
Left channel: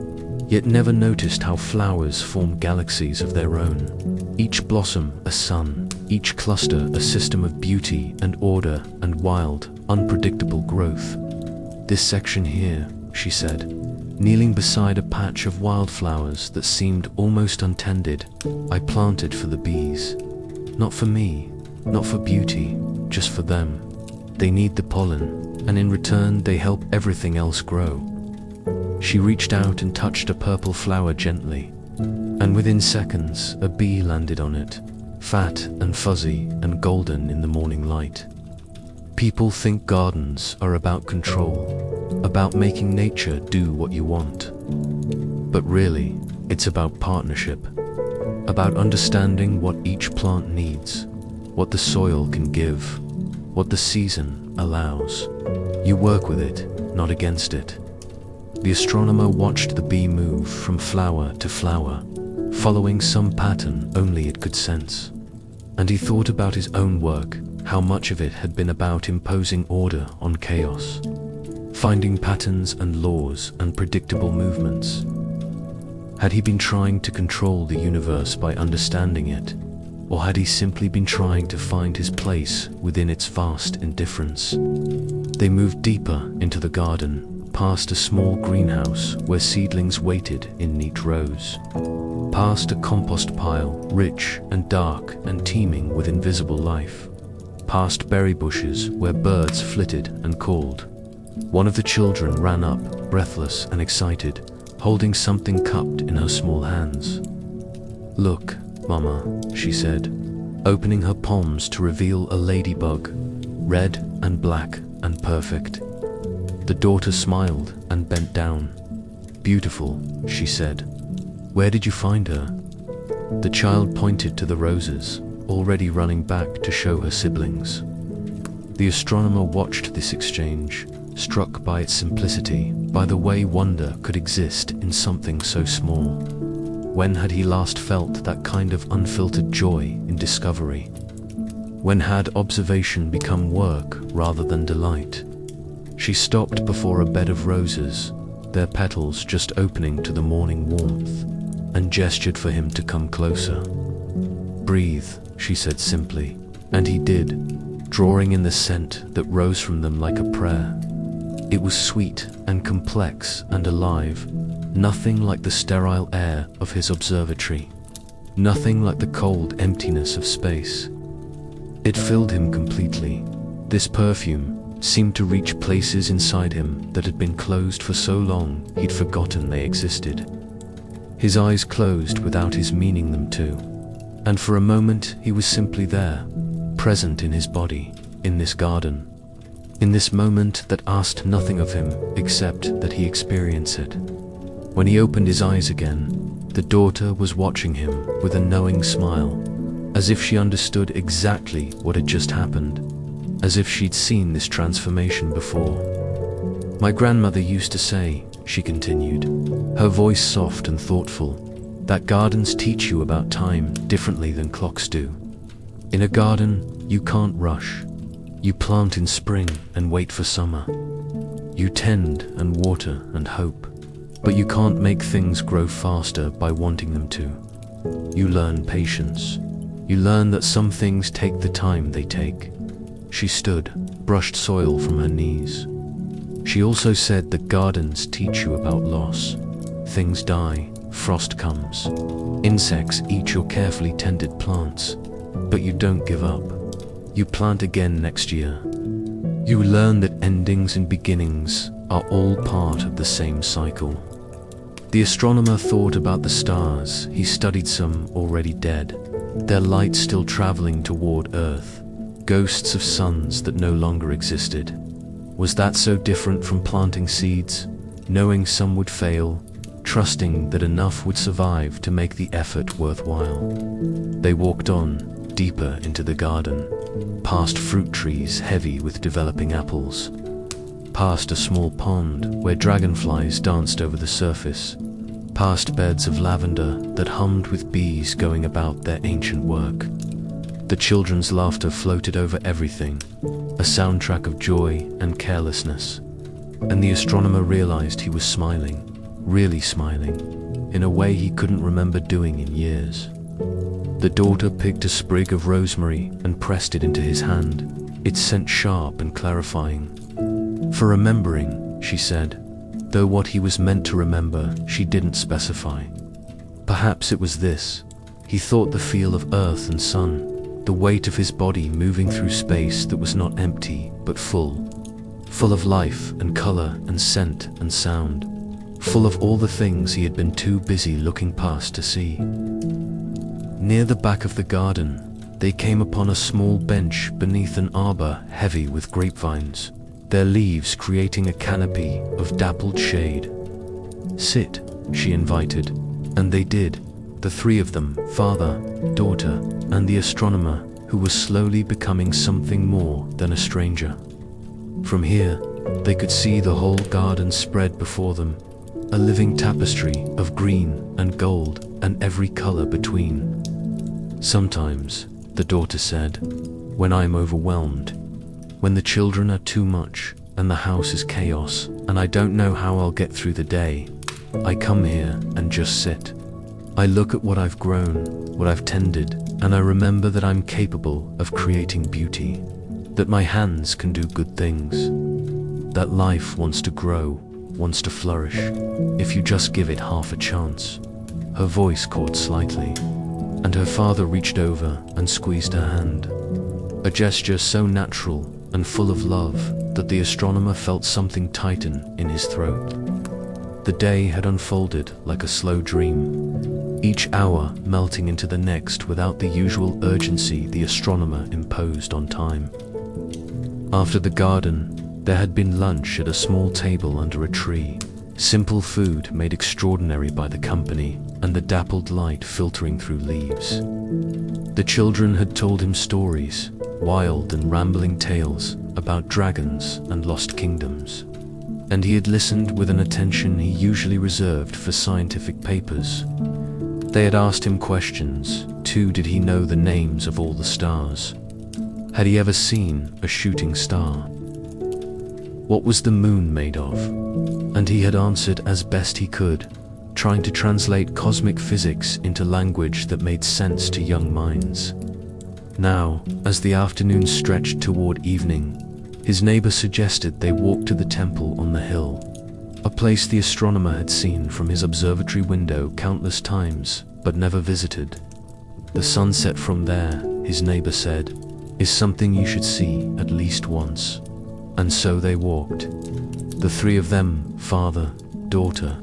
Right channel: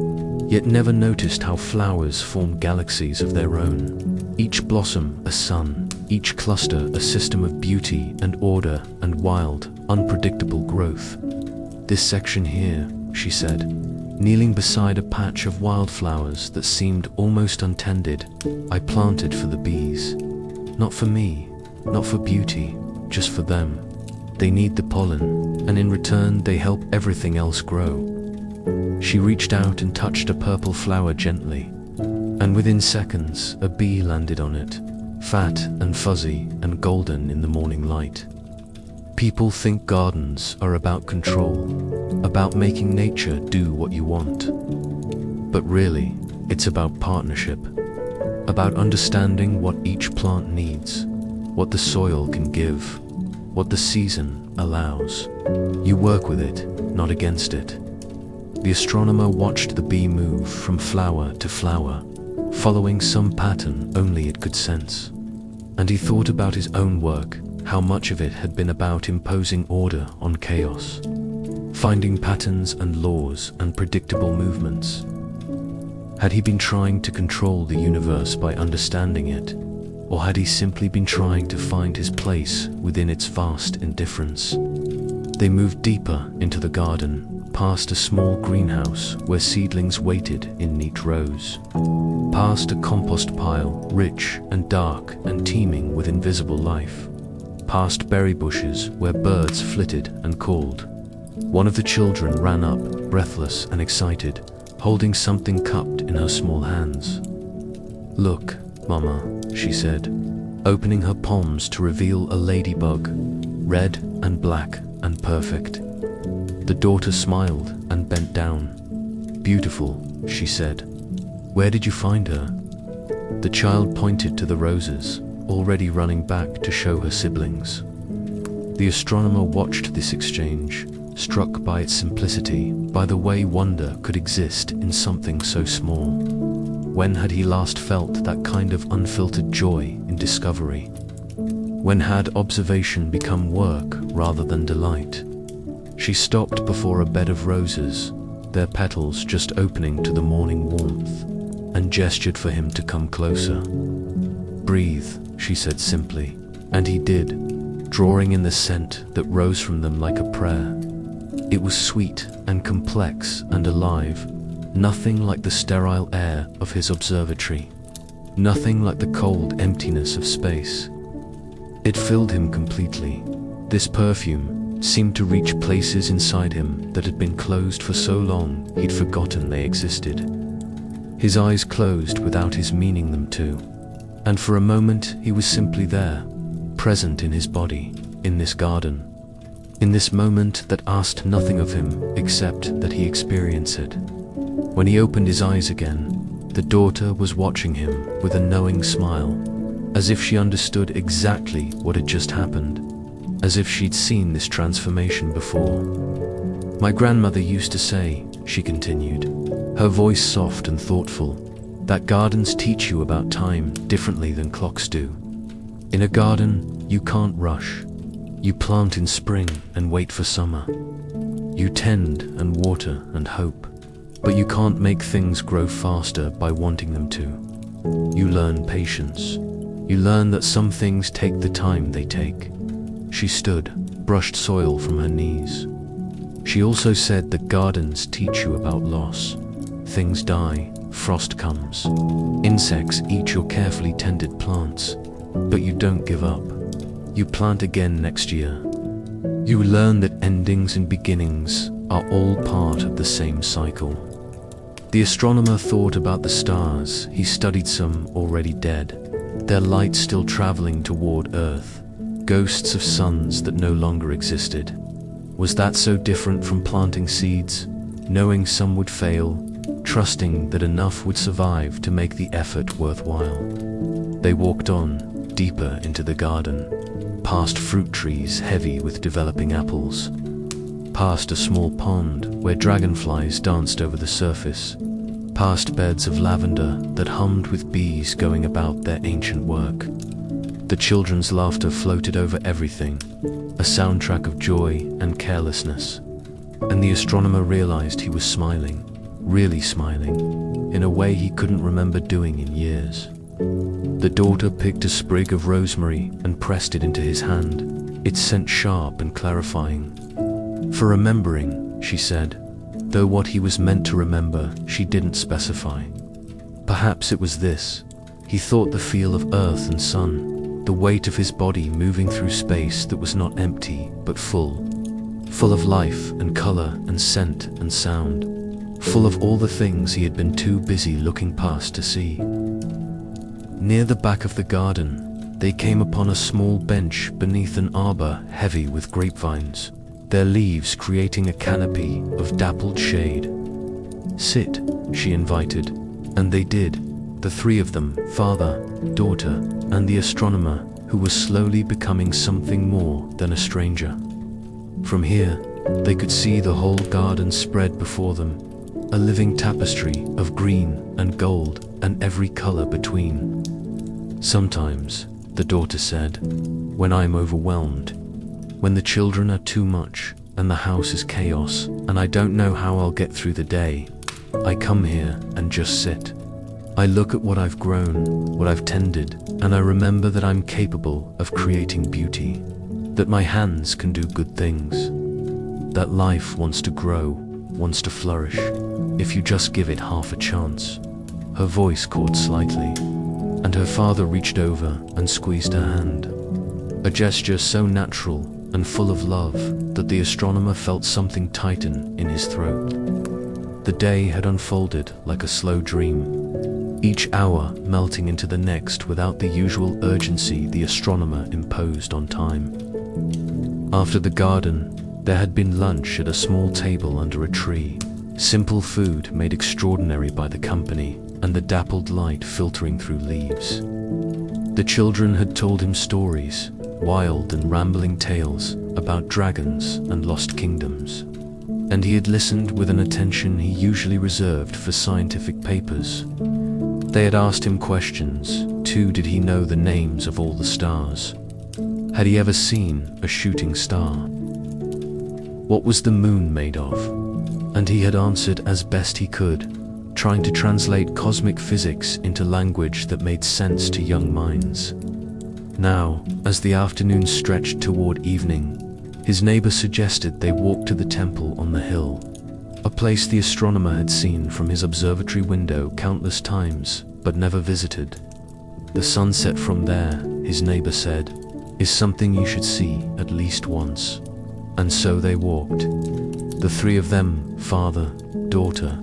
yet never noticed how flowers form galaxies of their own, each blossom a sun, each cluster a system of beauty and order and wild, unpredictable growth. "This section here," she said, kneeling beside a patch of wildflowers that seemed almost untended, "I planted for the bees. Not for me, not for beauty, just for them. They need the pollen, and in return they help everything else grow." She reached out and touched a purple flower gently, and within seconds a bee landed on it, fat and fuzzy and golden in the morning light. People think gardens are about control, about making nature do what you want. But really, it's about partnership, about understanding what each plant needs, what the soil can give, what the season allows. You work with it, not against it. The astronomer watched the bee move from flower to flower, following some pattern only it could sense. And he thought about his own work, how much of it had been about imposing order on chaos, finding patterns and laws and predictable movements. Had he been trying to control the universe by understanding it, or had he simply been trying to find his place within its vast indifference? They moved deeper into the garden, past a small greenhouse where seedlings waited in neat rows, past a compost pile rich and dark and teeming with invisible life, past berry bushes where birds flitted and called. One of the children ran up, breathless and excited, holding something cupped in her small hands. "Look, Mama," she said. opening her palms to reveal a ladybug, red and black and perfect. The daughter smiled and bent down. "Beautiful," she said. "Where did you find her?" The child pointed to the roses, already running back to show her siblings. The astronomer watched this exchange, struck by its simplicity, by the way wonder could exist in something so small. When had he last felt that kind of unfiltered joy in discovery? When had observation become work rather than delight? She stopped before a bed of roses, their petals just opening to the morning warmth, and gestured for him to come closer. "Breathe," she said simply, and he did, drawing in the scent that rose from them like a prayer. It was sweet and complex and alive, nothing like the sterile air of his observatory, nothing like the cold emptiness of space. It filled him completely. This perfume seemed to reach places inside him that had been closed for so long he'd forgotten they existed. His eyes closed without his meaning them to, and for a moment he was simply there, present in his body, in this garden, in this moment that asked nothing of him except that he experience it. When he opened his eyes again, the daughter was watching him with a knowing smile, as if she understood exactly what had just happened, as if she'd seen this transformation before. "My grandmother used to say," she continued, her voice soft and thoughtful, "that gardens teach you about time differently than clocks do. In a garden, you can't rush. You plant in spring and wait for summer. You tend and water and hope, but you can't make things grow faster by wanting them to. You learn patience. You learn that some things take the time they take." She stood, brushed soil from her knees. She also said that gardens teach you about loss. Things die, frost comes. Insects eat your carefully tended plants, but you don't give up. You plant again next year. You learn that endings and beginnings are all part of the same cycle. The astronomer thought about the stars. He studied some already dead, their light still traveling toward Earth, ghosts of suns that no longer existed. Was that so different from planting seeds, knowing some would fail, trusting that enough would survive to make the effort worthwhile? They walked on, deeper into the garden, past fruit trees heavy with developing apples, past a small pond where dragonflies danced over the surface, past beds of lavender that hummed with bees going about their ancient work. The children's laughter floated over everything, a soundtrack of joy and carelessness, and the astronomer realized he was smiling, really smiling, in a way he couldn't remember doing in years. The daughter picked a sprig of rosemary and pressed it into his hand, its scent sharp and clarifying. "For remembering," she said, though what he was meant to remember she didn't specify. Perhaps it was this. He thought the feel of earth and sun, the weight of his body moving through space that was not empty but full of life and color and scent and sound, full of all the things he had been too busy looking past to see. Near the back of the garden, they came upon a small bench beneath an arbor heavy with grapevines, their leaves creating a canopy of dappled shade. "Sit," she invited, and they did, the three of them, father, daughter, and the astronomer, who was slowly becoming something more than a stranger. From here, they could see the whole garden spread before them, a living tapestry of green and gold and every color between. "Sometimes," the daughter said, "when I'm overwhelmed, when the children are too much and the house is chaos and I don't know how I'll get through the day, I come here and just sit. I look at what I've grown, what I've tended, and I remember that I'm capable of creating beauty, that my hands can do good things, that life wants to grow, wants to flourish, if you just give it half a chance." Her voice caught slightly, and her father reached over and squeezed her hand, a gesture so natural and full of love that the astronomer felt something tighten in his throat. The day had unfolded like a slow dream. each hour melting into the next without the usual urgency the astronomer imposed on time. After the garden, there had been lunch at a small table under a tree, simple food made extraordinary by the company and the dappled light filtering through leaves. The children had told him stories, wild and rambling tales about dragons and lost kingdoms, and he had listened with an attention he usually reserved for scientific papers. They had asked him questions, too. Did he know the names of all the stars? Had he ever seen a shooting star? What was the moon made of? And he had answered as best he could, trying to translate cosmic physics into language that made sense to young minds. Now, as the afternoon stretched toward evening, his neighbor suggested they walk to the temple on the hill, a place the astronomer had seen from his observatory window countless times, but never visited. The sunset from there, his neighbor said, is something you should see at least once. And so they walked, the three of them, father, daughter,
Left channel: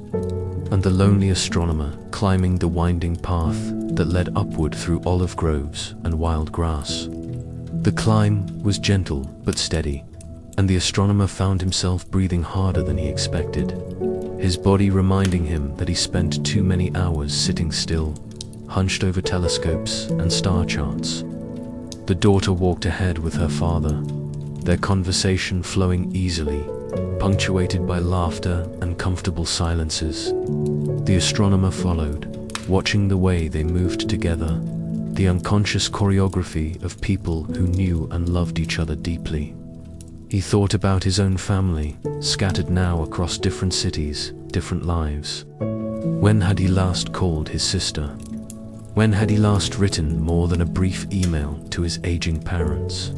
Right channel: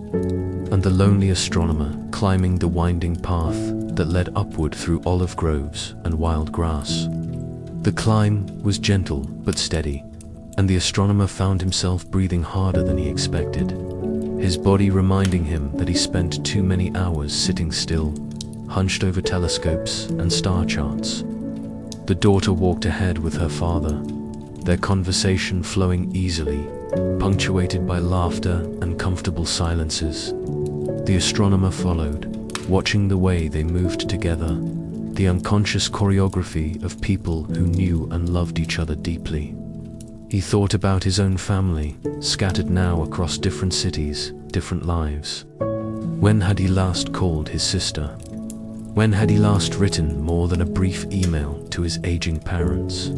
and the lonely astronomer, climbing the winding path that led upward through olive groves and wild grass. The climb was gentle but steady, and the astronomer found himself breathing harder than he expected, his body reminding him that he spent too many hours sitting still, hunched over telescopes and star charts. The daughter walked ahead with her father, their conversation flowing easily, punctuated by laughter and comfortable silences. The astronomer followed, watching the way they moved together, the unconscious choreography of people who knew and loved each other deeply. He thought about his own family, scattered now across different cities, different lives. When had he last called his sister? When had he last written more than a brief email to his aging parents?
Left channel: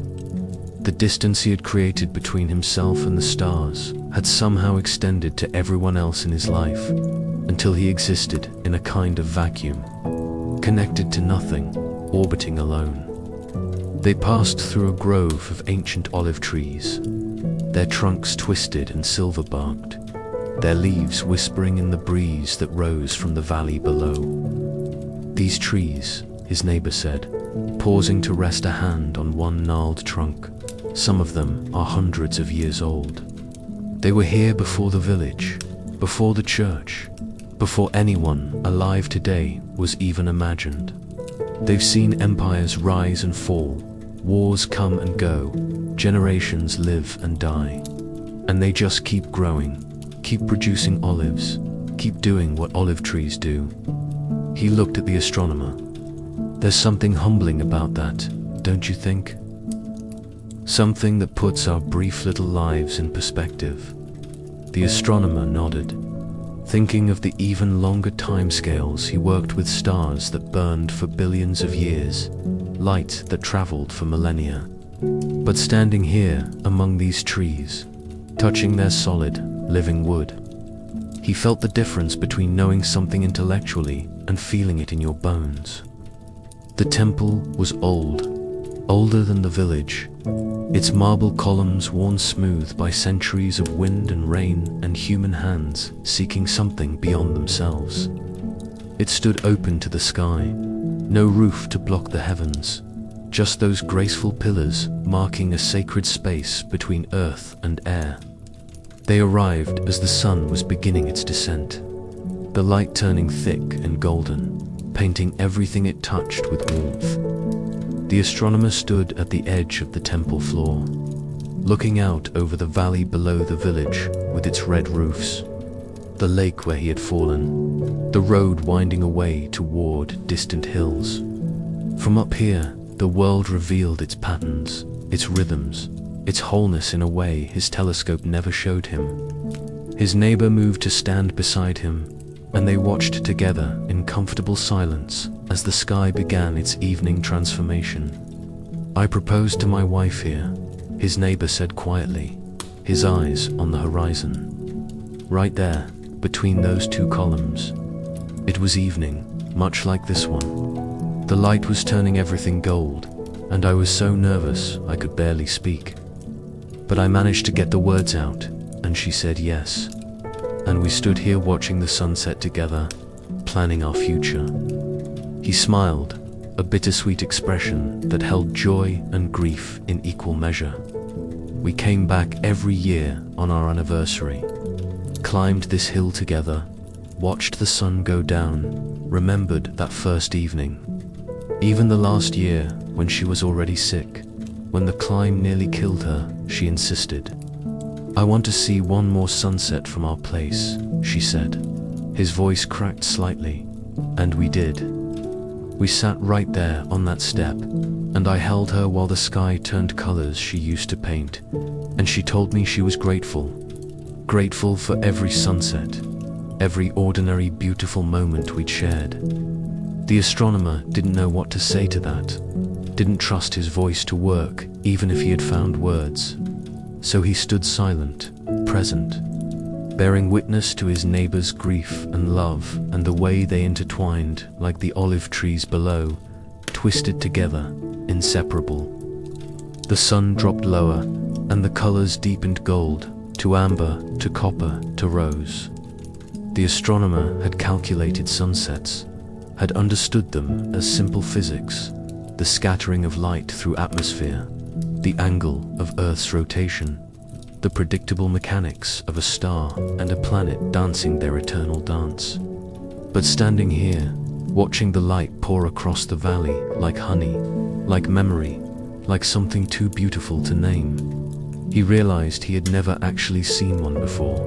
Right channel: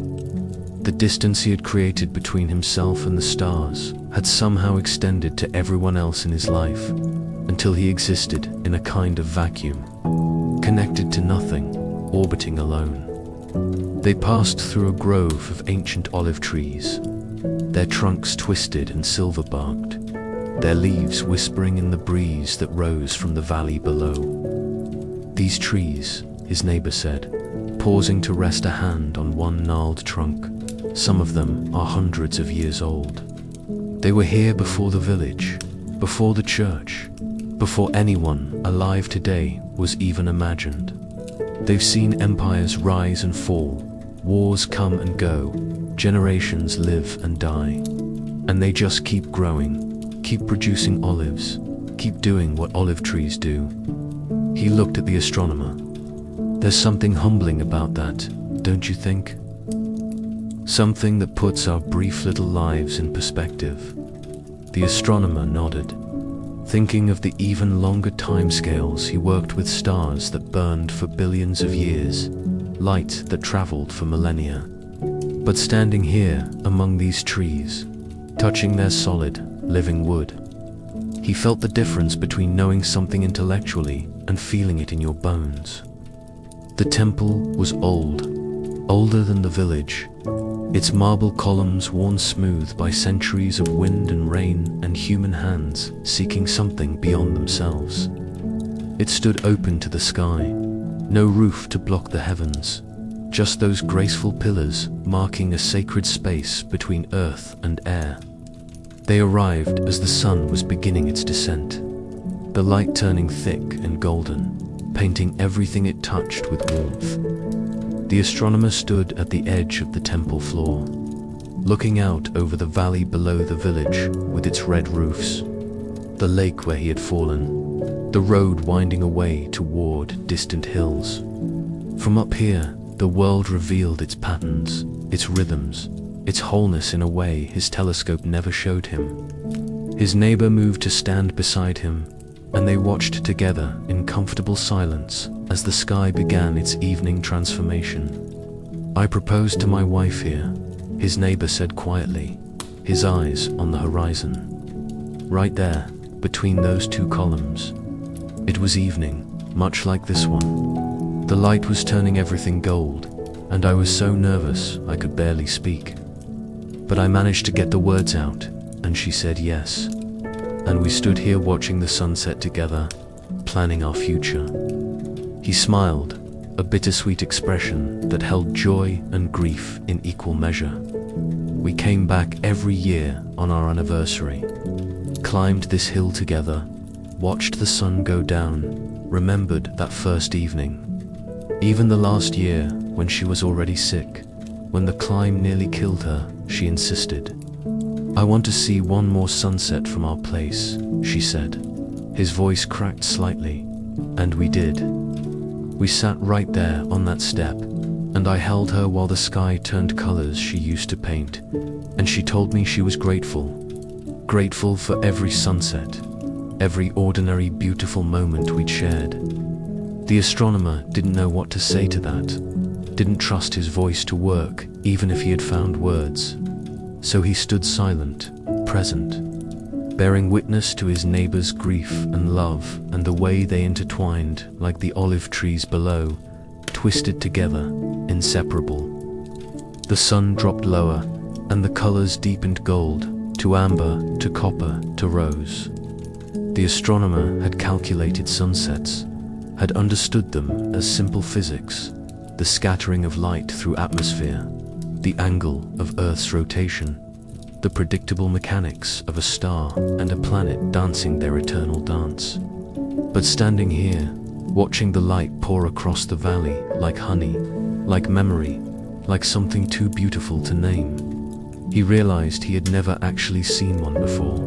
The distance he had created between himself and the stars had somehow extended to everyone else in his life, until he existed in a kind of vacuum, connected to nothing, orbiting alone. They passed through a grove of ancient olive trees, their trunks twisted and silver-barked, their leaves whispering in the breeze that rose from the valley below. These trees, his neighbor said, pausing to rest a hand on one gnarled trunk, some of them are hundreds of years old. They were here before the village, before the church, before anyone alive today was even imagined. They've seen empires rise and fall, wars come and go, generations live and die. And they just keep growing, keep producing olives, keep doing what olive trees do. He looked at the astronomer. There's something humbling about that, don't you think? Something that puts our brief little lives in perspective. The astronomer nodded, thinking of the even longer timescales. He worked with stars that burned for billions of years, light that traveled for millennia. But standing here among these trees, touching their solid, living wood, he felt the difference between knowing something intellectually and feeling it in your bones. The temple was old, older than the village, its marble columns worn smooth by centuries of wind and rain and human hands seeking something beyond themselves. It stood open to the sky, no roof to block the heavens, just those graceful pillars marking a sacred space between earth and air. They arrived as the sun was beginning its descent, the light turning thick and golden, painting everything it touched with warmth. The astronomer stood at the edge of the temple floor, looking out over the valley below the village with its red roofs, the lake where he had fallen, the road winding away toward distant hills. From up here, the world revealed its patterns, its rhythms, its wholeness in a way his telescope never showed him. His neighbor moved to stand beside him, and they watched together in comfortable silence as the sky began its evening transformation. I proposed to my wife here, his neighbor said quietly, his eyes on the horizon. Right there, between those two columns. It was evening, much like this one. The light was turning everything gold, and I was so nervous I could barely speak. But I managed to get the words out, and she said yes. And we stood here watching the sunset together, planning our future. He smiled, a bittersweet expression that held joy and grief in equal measure. We came back every year on our anniversary, climbed this hill together, watched the sun go down, remembered that first evening. Even the last year, when she was already sick, when the climb nearly killed her, she insisted. "I want to see one more sunset from our place," she said. His voice cracked slightly, and we did. We sat right there on that step, and I held her while the sky turned colors she used to paint, and she told me she was grateful. Grateful for every sunset, every ordinary beautiful moment we'd shared. The astronomer didn't know what to say to that, didn't trust his voice to work even if he had found words. So he stood silent, present, bearing witness to his neighbor's grief and love and the way they intertwined like the olive trees below, twisted together, inseparable. The sun dropped lower and the colors deepened gold, to amber, to copper, to rose. The astronomer had calculated sunsets, had understood them as simple physics, the scattering of light through atmosphere, the angle of Earth's rotation, the predictable mechanics of a star and a planet dancing their eternal dance. But standing here, watching the light pour across the valley like honey, like memory, like something too beautiful to name, he realized he had never actually seen one before,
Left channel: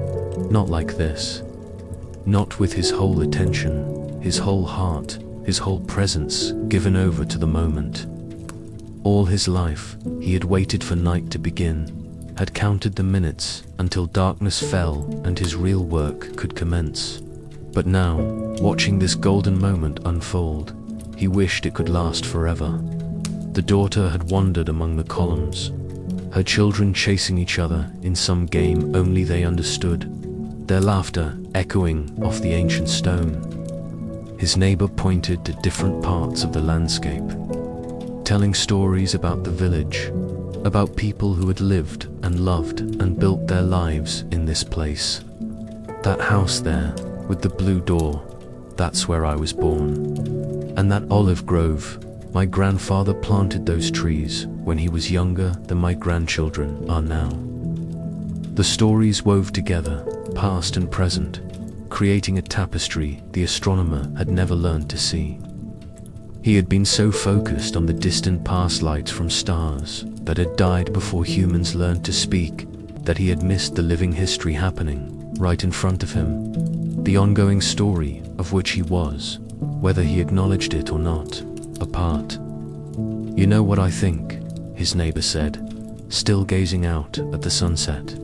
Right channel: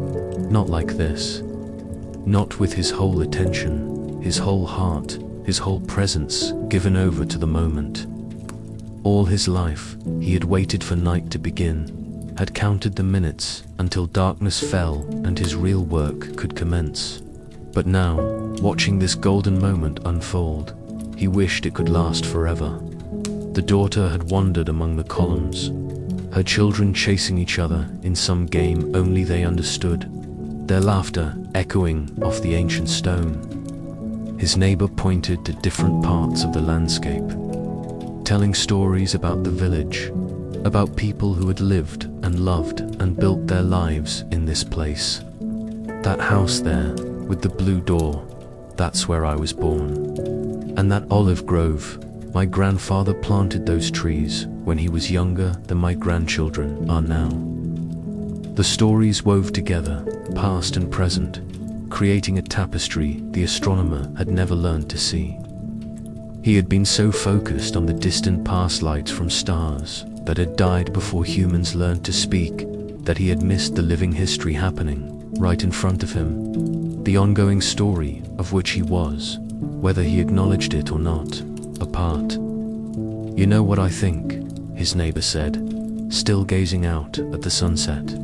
not like this. Not with his whole attention, his whole heart, his whole presence given over to the moment. All his life, he had waited for night to begin, had counted the minutes until darkness fell and his real work could commence. But now, watching this golden moment unfold, he wished it could last forever. The daughter had wandered among the columns, her children chasing each other in some game only they understood, their laughter echoing off the ancient stone. His neighbor pointed to different parts of the landscape, telling stories about the village, about people who had lived and loved and built their lives in this place. That house there, with the blue door, that's where I was born. And that olive grove, my grandfather planted those trees when he was younger than my grandchildren are now. The stories wove together, past and present, creating a tapestry the astronomer had never learned to see. He had been so focused on the distant past lights from stars that had died before humans learned to speak that he had missed the living history happening right in front of him, the ongoing story of which he was, whether he acknowledged it or not, a part. "You know what I think," his neighbor said, still gazing out at the sunset.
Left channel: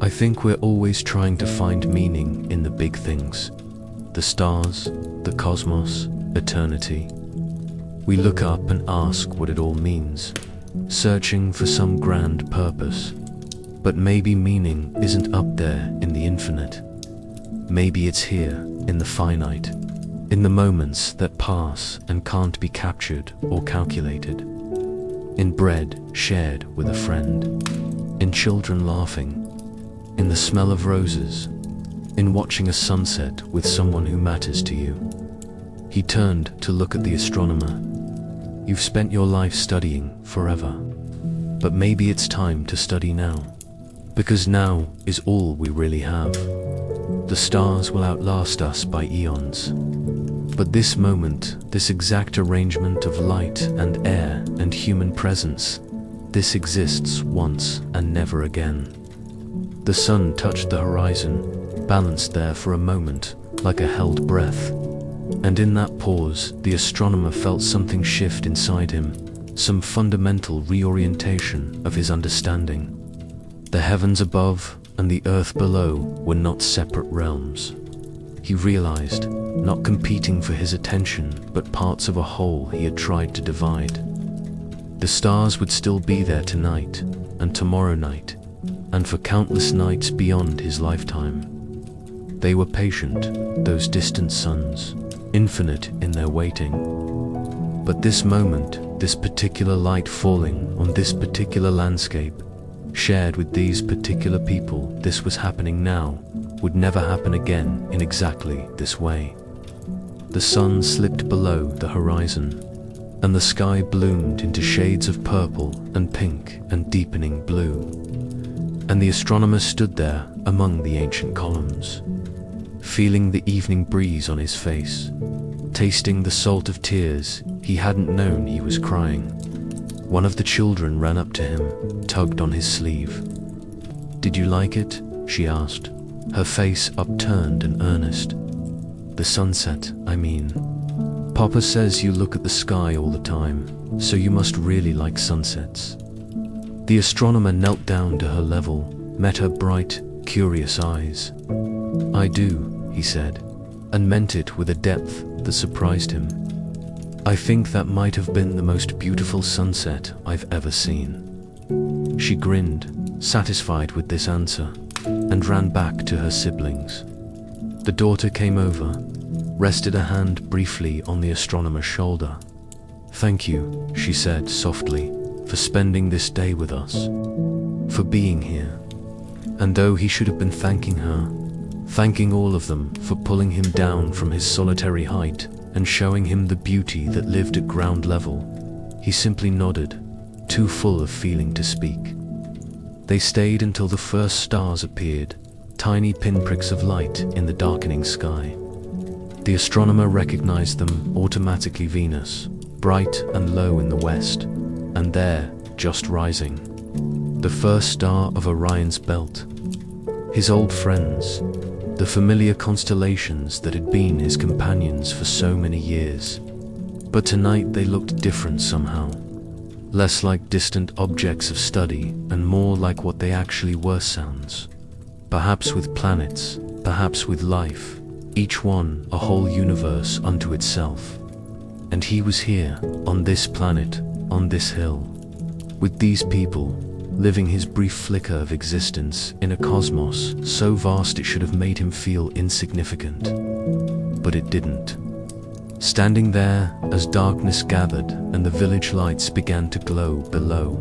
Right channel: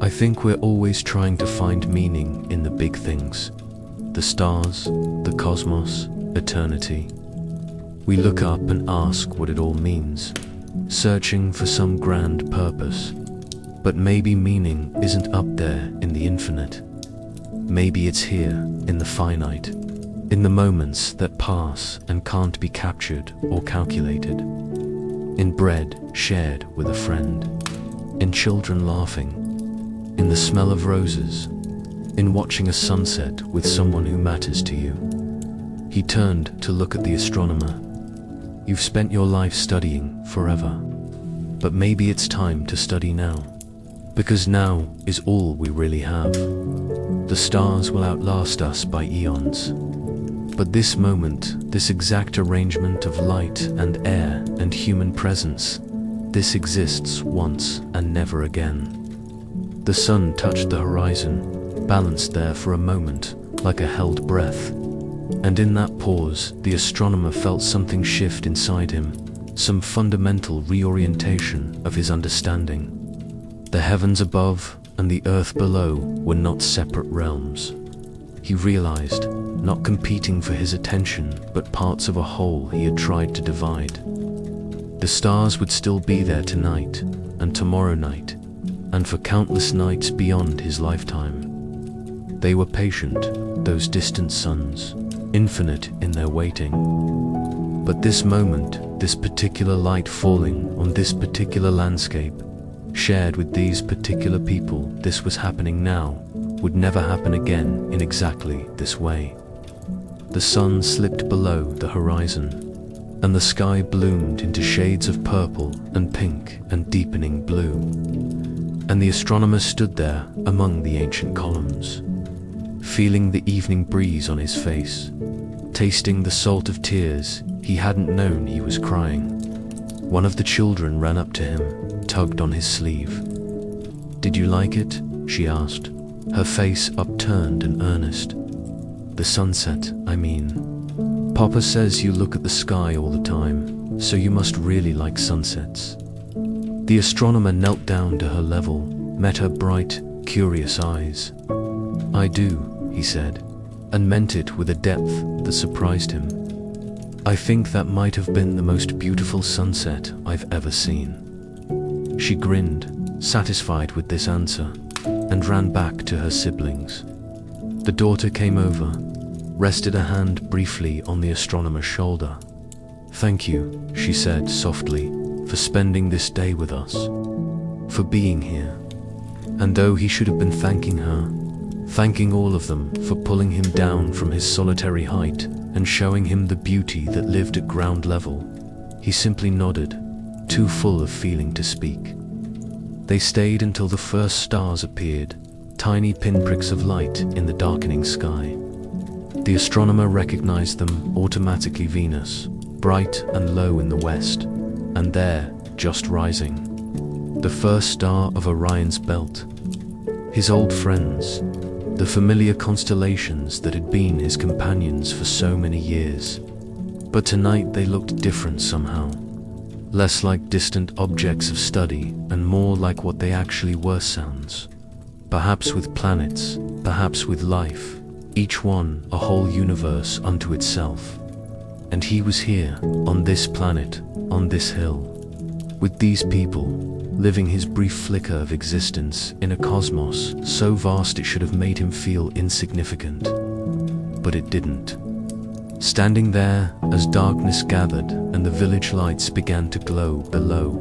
"I think we're always trying to find meaning in the big things, the stars, the cosmos, eternity. We look up and ask what it all means, searching for some grand purpose. But maybe meaning isn't up there in the infinite. Maybe it's here in the finite, in the moments that pass and can't be captured or calculated. In bread shared with a friend, in children laughing, in the smell of roses, in watching a sunset with someone who matters to you." He turned to look at the astronomer. "You've spent your life studying forever, but maybe it's time to study now, because now is all we really have. The stars will outlast us by eons, but this moment, this exact arrangement of light and air and human presence, this exists once and never again." The sun touched the horizon, balanced there for a moment, like a held breath. And in that pause, the astronomer felt something shift inside him, some fundamental reorientation of his understanding. The heavens above and the earth below were not separate realms. He realized, not competing for his attention, but parts of a whole he had tried to divide. The stars would still be there tonight, and tomorrow night, and for countless nights beyond his lifetime. They were patient, those distant suns, infinite in their waiting. But this moment, this particular light falling on this particular landscape, shared with these particular people, this was happening now, would never happen again in exactly this way. The sun slipped below the horizon, and the sky bloomed into shades of purple and pink and deepening blue. And the astronomer stood there among the ancient columns, feeling the evening breeze on his face, tasting the salt of tears he hadn't known he was crying. One of the children ran up to him, tugged on his sleeve. "Did you like it?" she asked, her face upturned and earnest. "The sunset, I mean. Papa says you look at the sky all the time, so you must really like sunsets." The astronomer knelt down to her level, met her bright, curious eyes. "I do," he said, and meant it with a depth that surprised him. "I think that might have been the most beautiful sunset I've ever seen." She grinned, satisfied with this answer, and ran back to her siblings. The daughter came over, rested a hand briefly on the astronomer's shoulder. "Thank you," she said softly, "for spending this day with us, for being here." And though he should have been thanking her, thanking all of them for pulling him down from his solitary height and showing him the beauty that lived at ground level, he simply nodded, too full of feeling to speak. They stayed until the first stars appeared, tiny pinpricks of light in the darkening sky. The astronomer recognized them automatically: Venus, bright and low in the west, and there, just rising, the first star of Orion's belt. His old friends, the familiar constellations that had been his companions for so many years. But tonight they looked different somehow, less like distant objects of study and more like what they actually were: sounds. Perhaps with planets, perhaps with life, each one a whole universe unto itself. And he was here, on this planet, on this hill, with these people, living his brief flicker of existence in a cosmos so vast it should have made him feel insignificant. But it didn't. Standing there, as darkness gathered and the village lights began to glow below,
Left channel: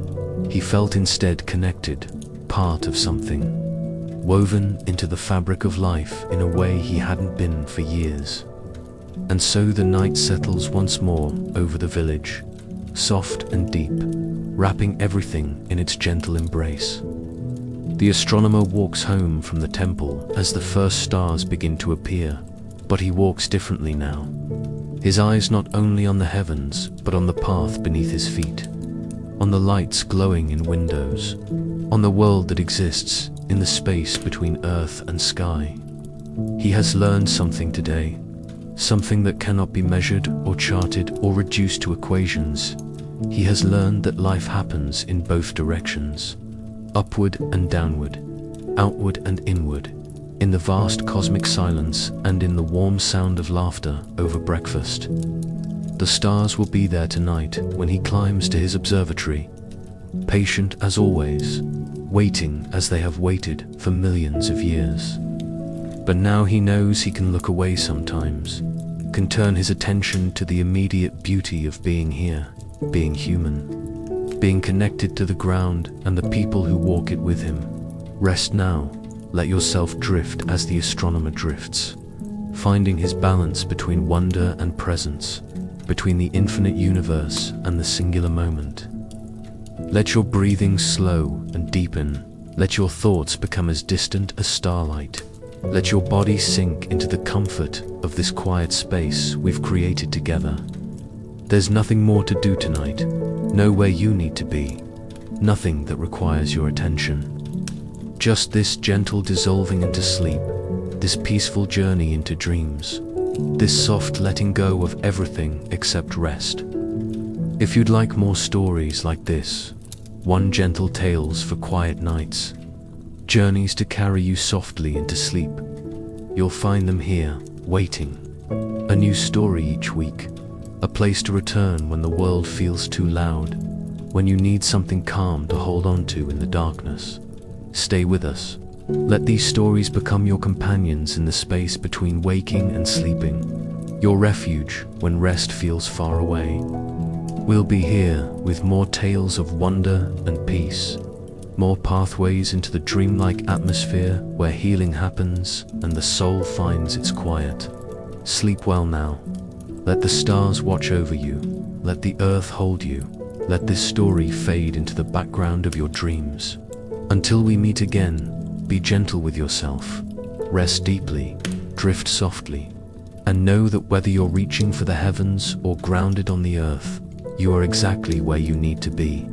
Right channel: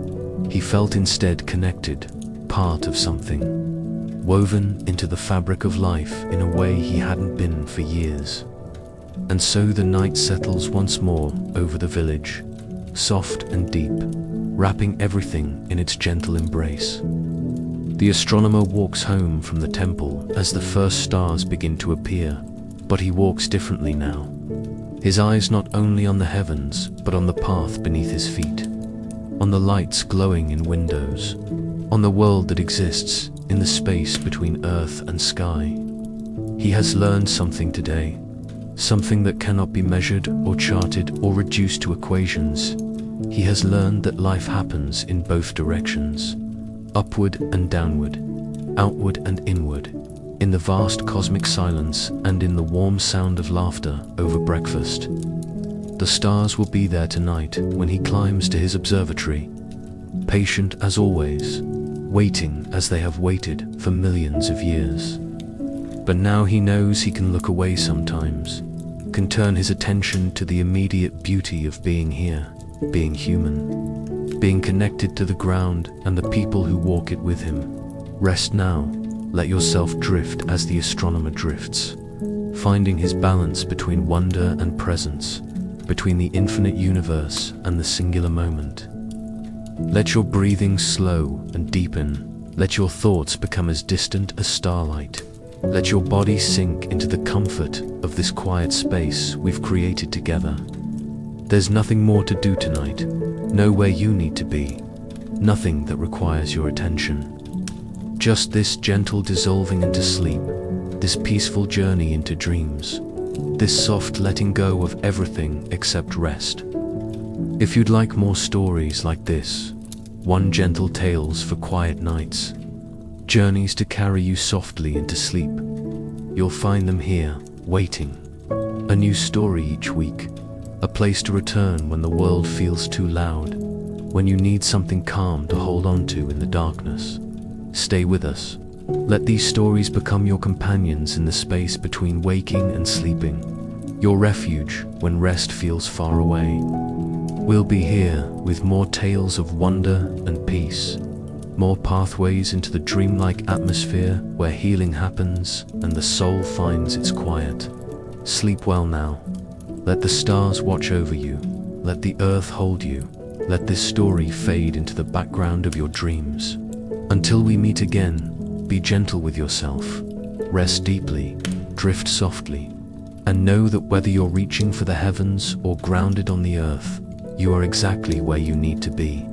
he felt instead connected, part of something, woven into the fabric of life in a way he hadn't been for years. And so the night settles once more over the village, soft and deep, wrapping everything in its gentle embrace. The astronomer walks home from the temple as the first stars begin to appear, but he walks differently now. His eyes not only on the heavens, but on the path beneath his feet, on the lights glowing in windows, on the world that exists in the space between earth and sky. He has learned something today, something that cannot be measured or charted or reduced to equations. He has learned that life happens in both directions, upward and downward, outward and inward, in the vast cosmic silence and in the warm sound of laughter over breakfast. The stars will be there tonight when he climbs to his observatory, patient as always, waiting as they have waited for millions of years. But now he knows he can look away sometimes, can turn his attention to the immediate beauty of being here, being human, being connected to the ground and the people who walk it with him. Rest now, let yourself drift as the astronomer drifts, finding his balance between wonder and presence, between the infinite universe and the singular moment. Let your breathing slow and deepen, let your thoughts become as distant as starlight. Let your body sink into the comfort of this quiet space we've created together. There's nothing more to do tonight, nowhere you need to be, nothing that requires your attention. Just this gentle dissolving into sleep, this peaceful journey into dreams, this soft letting go of everything except rest. If you'd like more stories like this, one gentle tales for quiet nights, journeys to carry you softly into sleep, you'll find them here, waiting. A new story each week, a place to return when the world feels too loud, when you need something calm to hold on to in the darkness. Stay with us. Let these stories become your companions in the space between waking and sleeping, your refuge when rest feels far away. We'll be here with more tales of wonder and peace, more pathways into the dreamlike atmosphere where healing happens and the soul finds its quiet. Sleep well now. Let the stars watch over you. Let the earth hold you. Let this story fade into the background of your dreams. Until we meet again, be gentle with yourself. Rest deeply, drift softly, and know that whether you're reaching for the heavens or grounded on the earth, you are exactly where you need to be.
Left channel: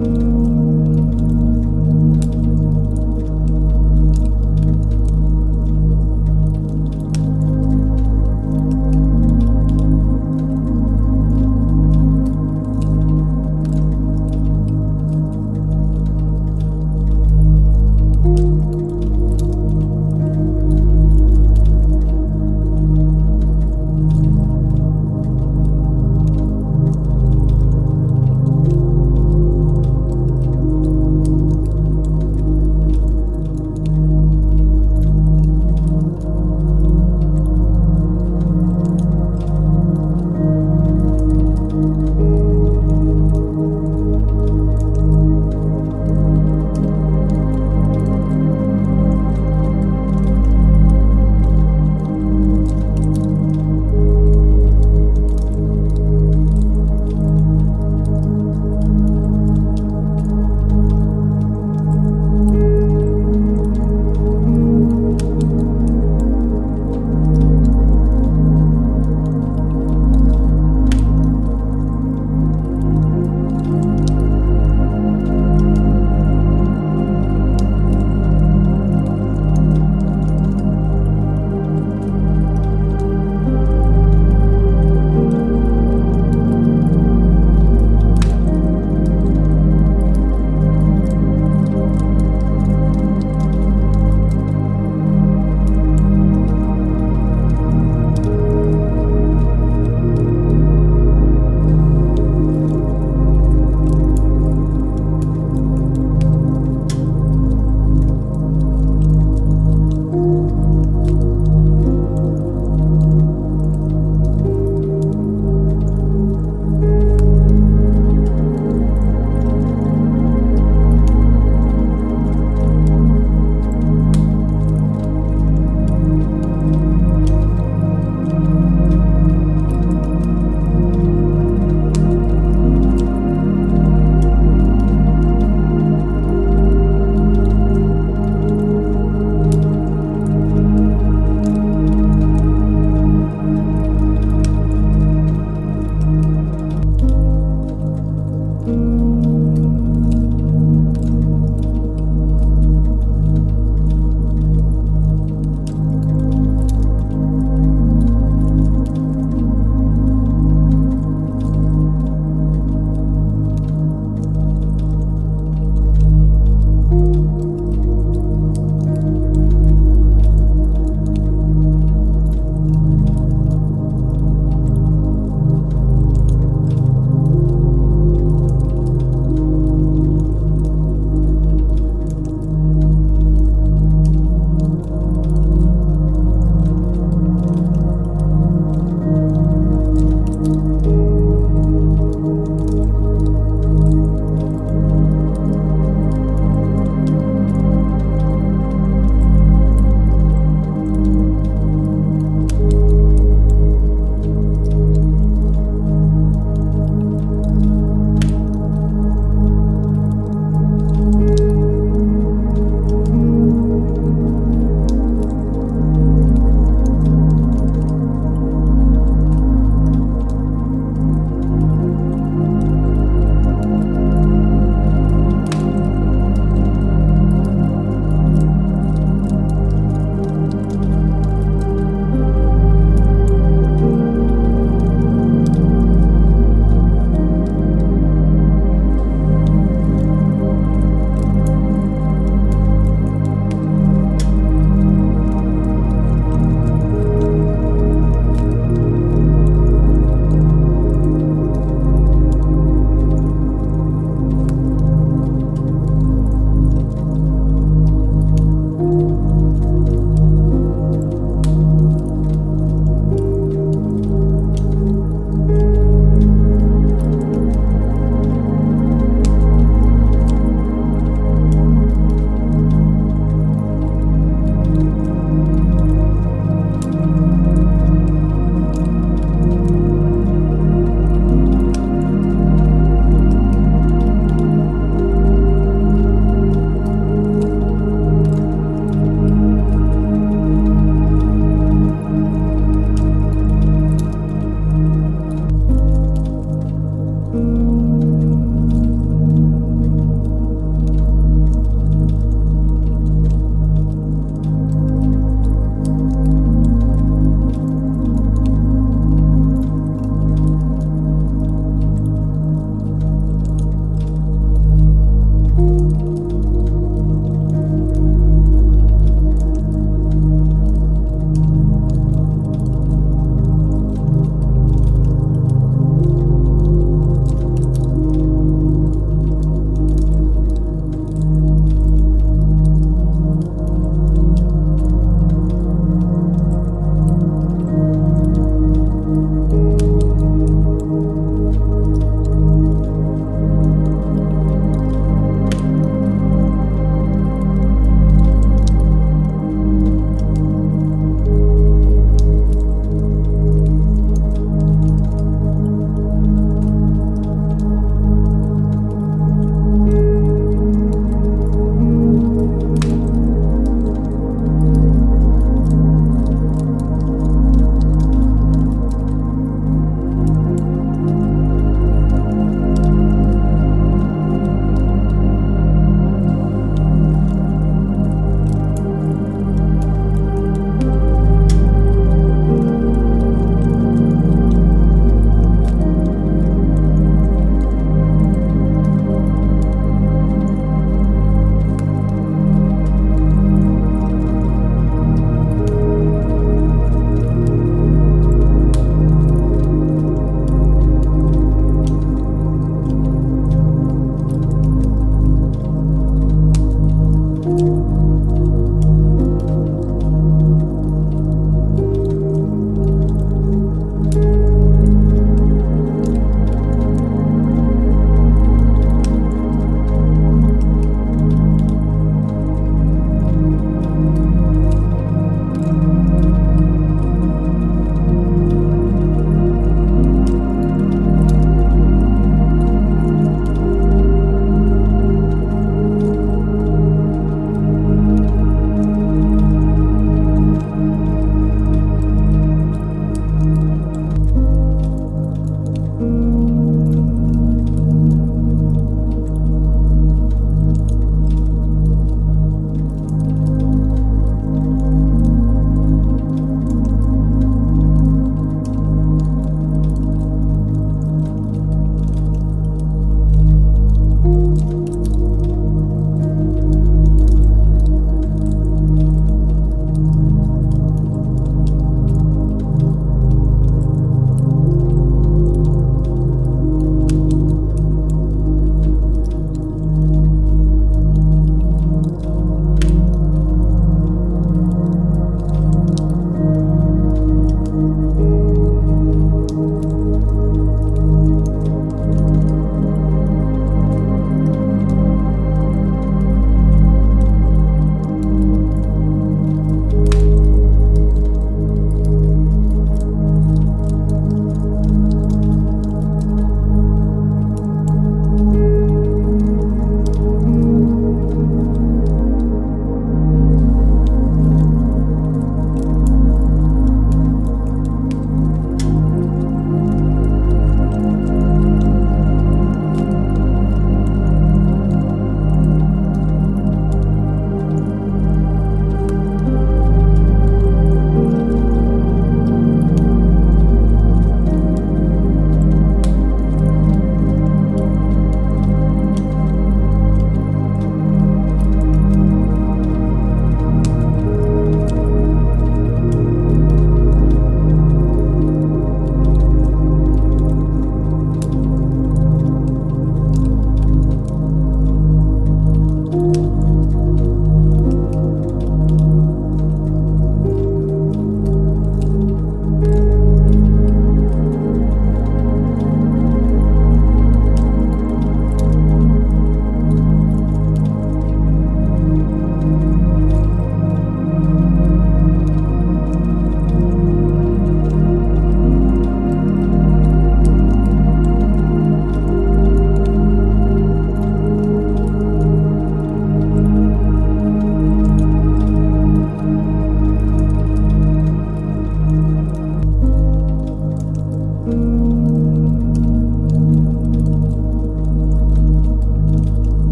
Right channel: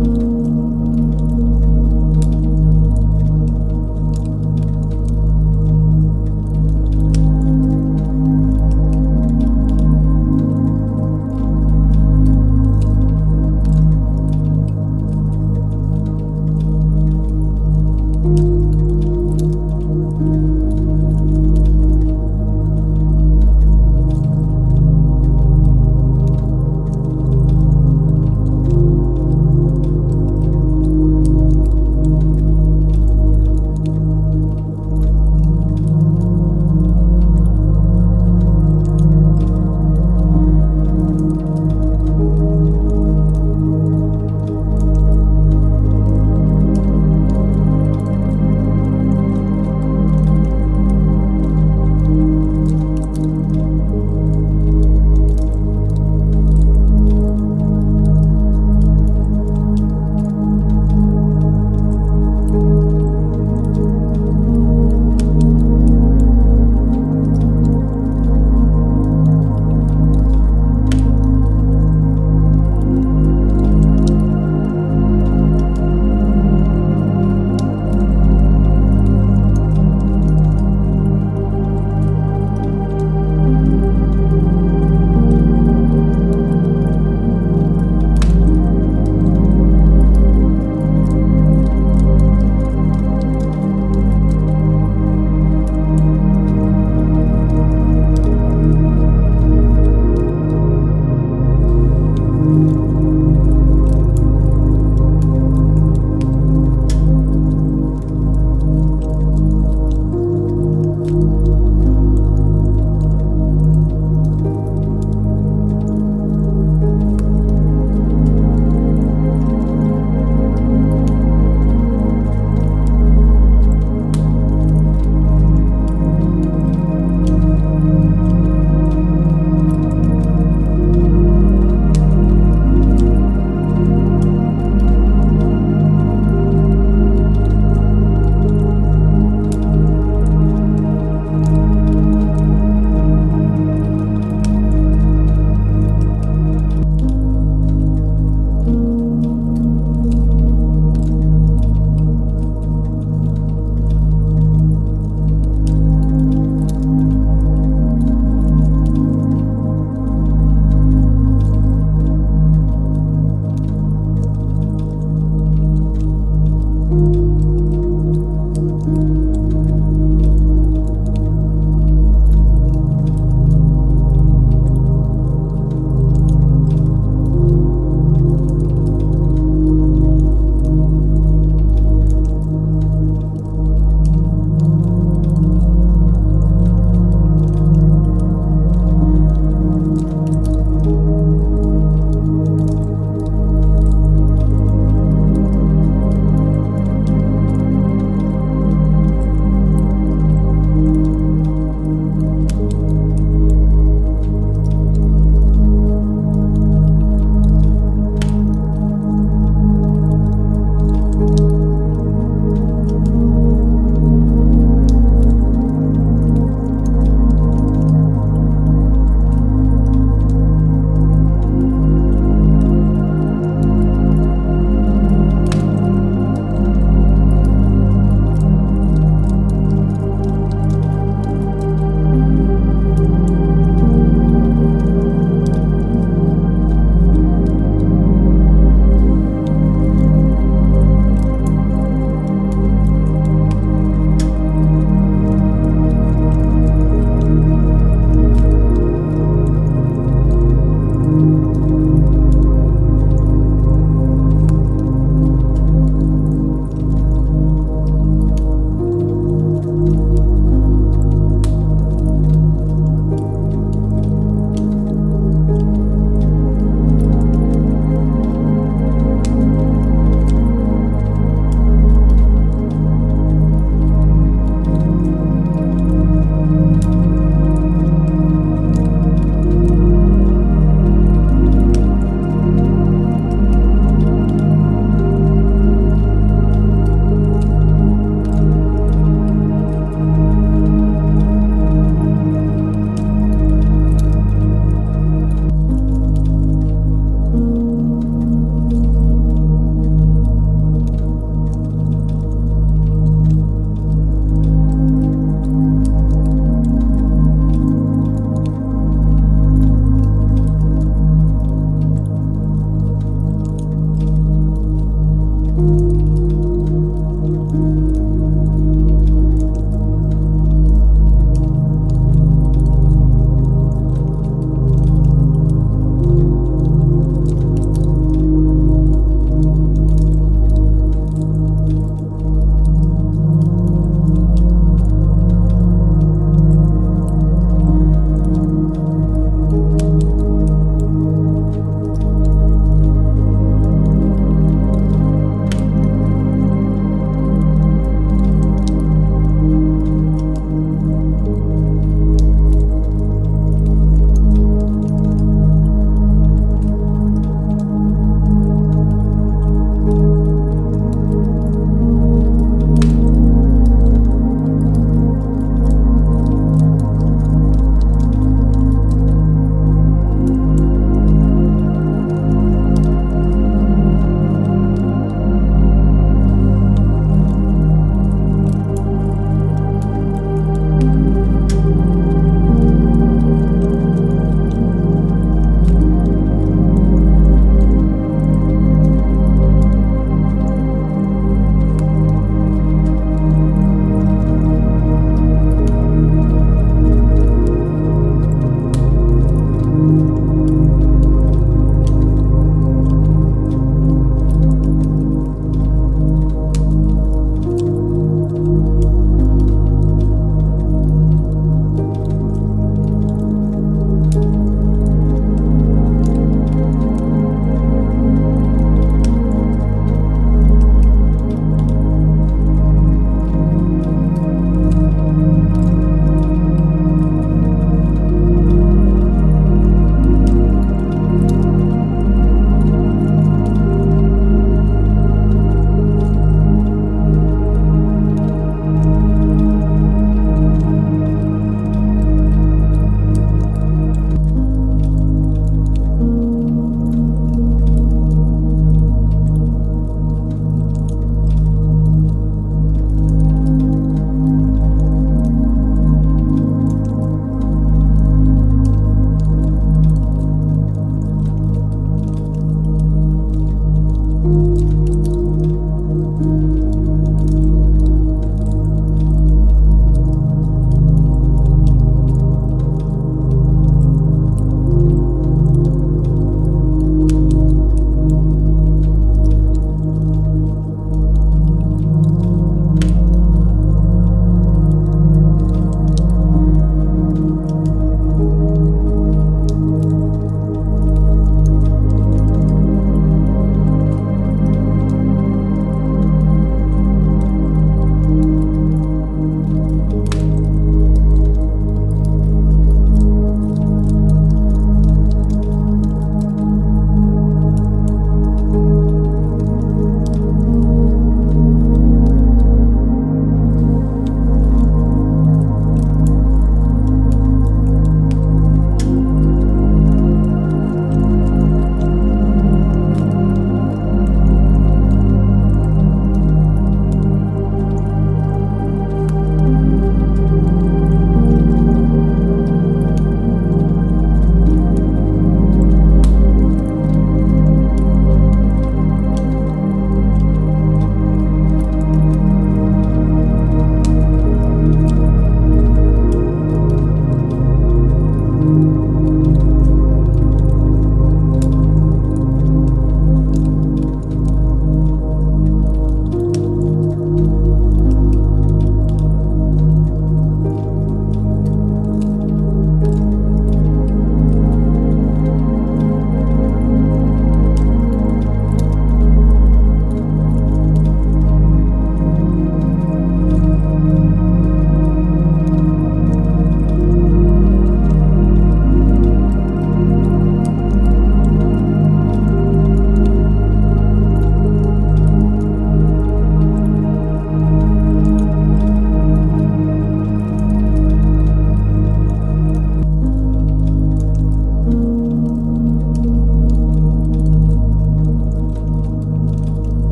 you.